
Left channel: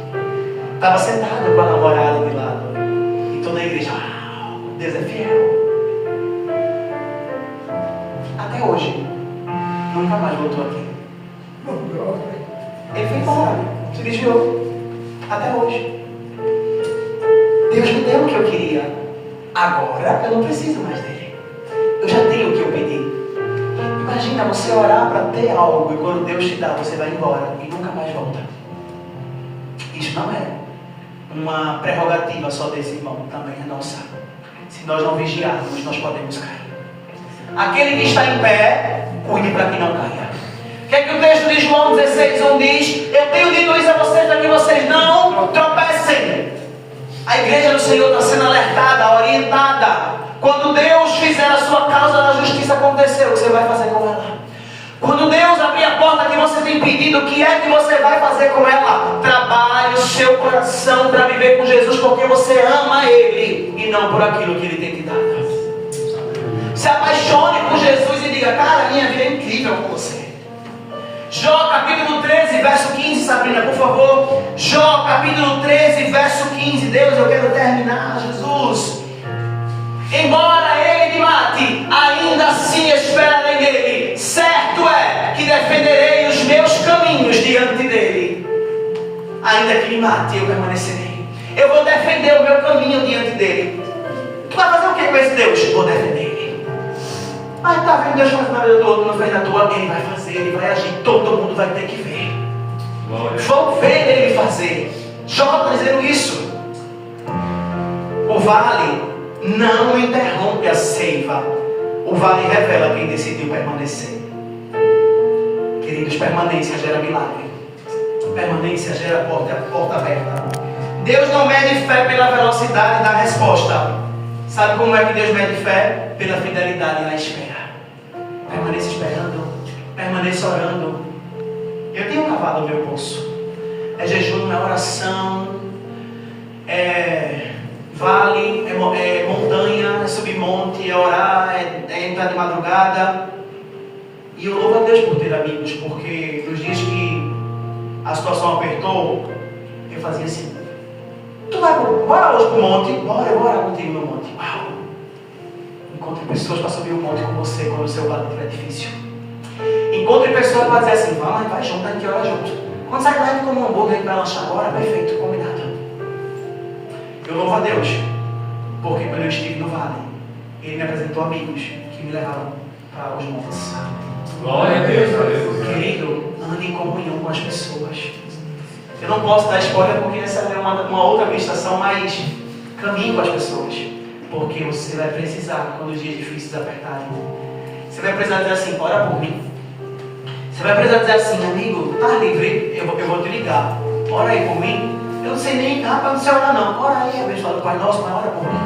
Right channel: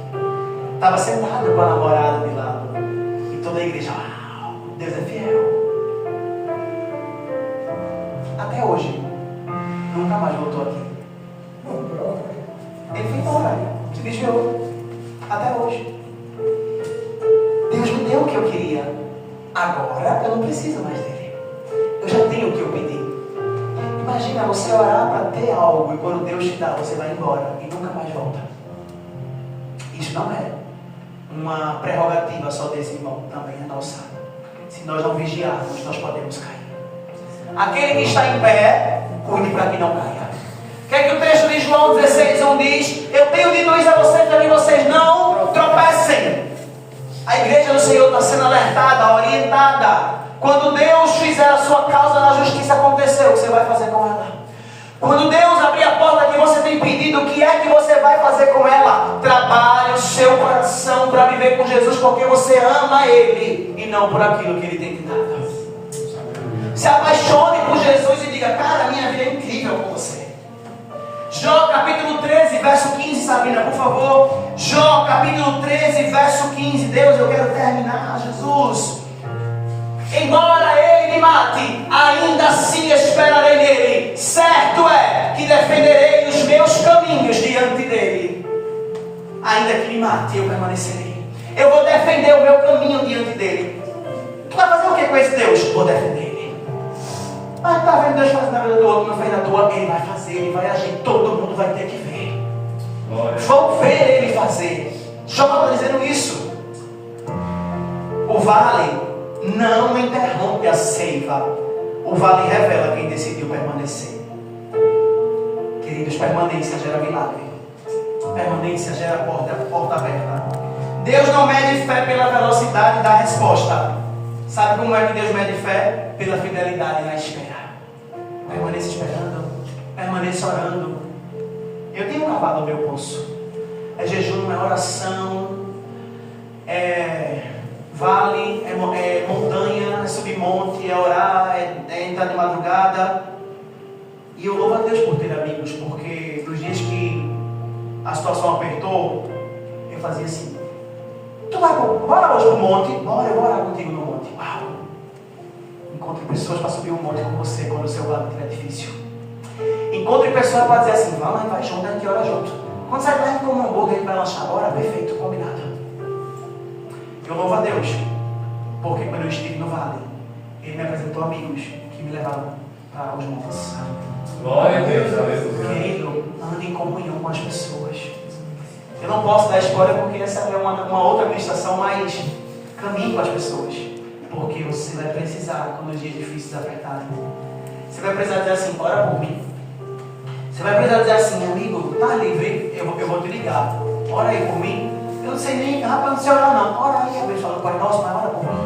Estava sentado com a namorada de lado. E toda a igreja, Deus é fiel. Até hoje, nunca mais voltou aqui. Ele foi embora, se desviou. Até hoje. Deus me deu o que eu queria. Agora eu não preciso mais dele. Eu já tenho o que eu pedi. Imagina você orar para ter algo e quando Deus te dá, você vai embora e nunca mais volta. Isso não é uma prerrogativa só desse irmão, também é nossa. Se nós não vigiarmos, nós podemos cair. Aquele que está em pé, cuide para que não caia. O que é que o texto de João 16:1 diz? Eu tenho dito isso a vocês para que vocês não tropecem. A igreja do Senhor está sendo alertada, orientada. Quando Deus fizer a sua causa da justiça acontecer, o que você vai fazer com ela? Quando Deus abrir a porta que você tem pedido, o que é que você vai fazer com ela? Trabalhe o seu coração para viver com Jesus, porque você ama Ele e não por aquilo que Ele tem te dado. Se apaixone por Jesus e diga: cara, a minha vida é incrível com você. Jó capítulo 13, verso 15, Sabrina, por favor. Jó capítulo 13, verso 15. Deus, eu quero terminar, Jesus. Embora ele me mate, ainda assim esperarei nele. Certo é que defenderei os meus caminhos diante dele. Ainda que me mate, eu permanecerei. Eu vou defender o meu caminho diante dele. Tu vai fazer o que com esse Deus? Vou defender ele. Mas tá vendo Deus fazendo na vida do outro, não fez na tua? Ele vai fazer, ele vai agir. Todo mundo vai ter que ver. Vão ver ele fazer. Jó está dizendo isso. O vale não interrompe a seiva. O vale revela quem decidiu permanecer. Queridos, permanência gera milagre. Permanência gera porta aberta. Deus não mede fé pela velocidade da resposta. Sabe como é que Deus mede fé? Pela fidelidade na espera. Permaneça esperando. Permaneça orando. Eu tenho cavado o meu pulso. É jejum, é oração, é vale, é montanha, é subir monte, é orar, é entrar de madrugada. E eu louvo a Deus por ter amigos, porque nos dias que a situação apertou, eu fazia assim: tu vai bora hoje pro monte? Bora, eu vou orar contigo no monte. Uau! Encontre pessoas para subir o monte com você quando o seu lado estiver difícil. Encontre pessoas para dizer assim: vai junto, a gente ora junto. Quando sai lá, a gente come um hambúrguer, a gente vai lanchar agora, perfeito, combinado. Eu louvo a Deus, porque quando eu estive no vale, Ele me apresentou amigos que me levaram para os montes. Glória a Deus. Querido, ande em comunhão com as pessoas. Eu não posso dar spoiler porque essa é uma outra ministração, mas caminhe com as pessoas, porque você vai precisar, quando os dias difíceis apertarem, você vai precisar dizer assim: ora por mim. Você vai precisar dizer assim: amigo, tá livre? Eu vou te ligar. Ora aí por mim. Eu não sei nem, rapaz, não sei orar não. Ora aí, a vez fala: Pai nosso, mas ora por mim.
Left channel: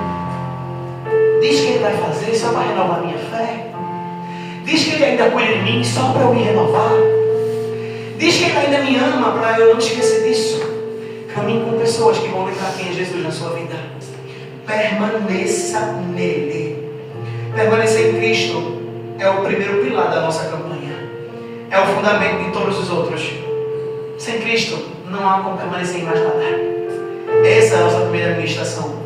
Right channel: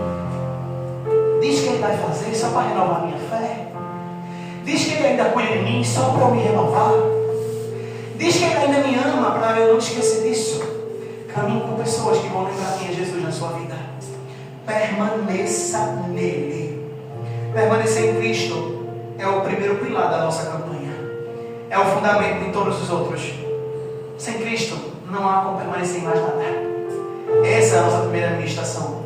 Diz que Ele vai fazer só para renovar minha fé. Diz que Ele ainda cuida de mim só para eu me renovar. Diz que Ele ainda me ama para eu não esquecer disso. Caminhe com pessoas que vão lembrar quem é Jesus na sua vida. Permaneça nele. Permanecer em Cristo é o primeiro pilar da nossa campanha. É o fundamento de todos os outros. Sem Cristo não há como permanecer em mais nada. Essa é a nossa primeira administração.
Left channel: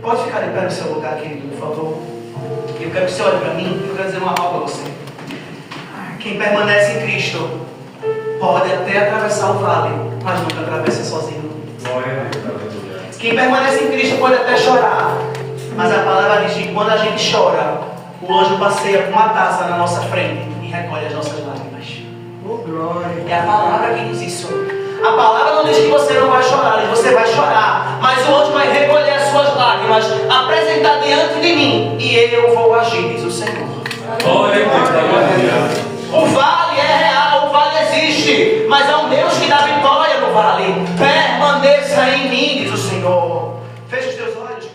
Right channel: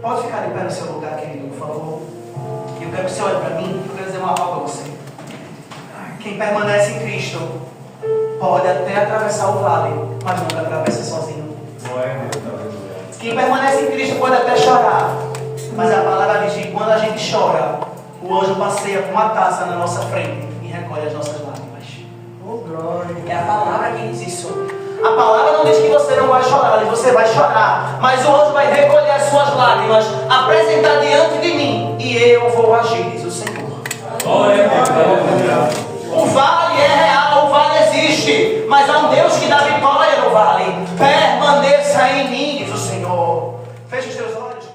Pode ficar de pé no seu lugar, querido, por favor. Eu quero que você olhe para mim e eu quero dizer uma palavra para você. Quem permanece em Cristo pode até atravessar o vale, mas nunca atravessa sozinho. Glória a Deus, aleluia. Quem permanece em Cristo pode até chorar, mas a palavra diz que quando a gente chora, o anjo passeia com uma taça na nossa frente e recolhe as nossas lágrimas. É a palavra que diz isso. A palavra não diz que você não vai chorar, diz que você vai chorar, mas o anjo vai recolher as suas lágrimas, apresentar diante de mim, e eu vou agir, diz o Senhor. Glória a Deus, aleluia. O vale é real, o vale existe, mas há um Deus que dá vitória no vale. Permaneça em mim, diz o Senhor. Feche os teus olhos.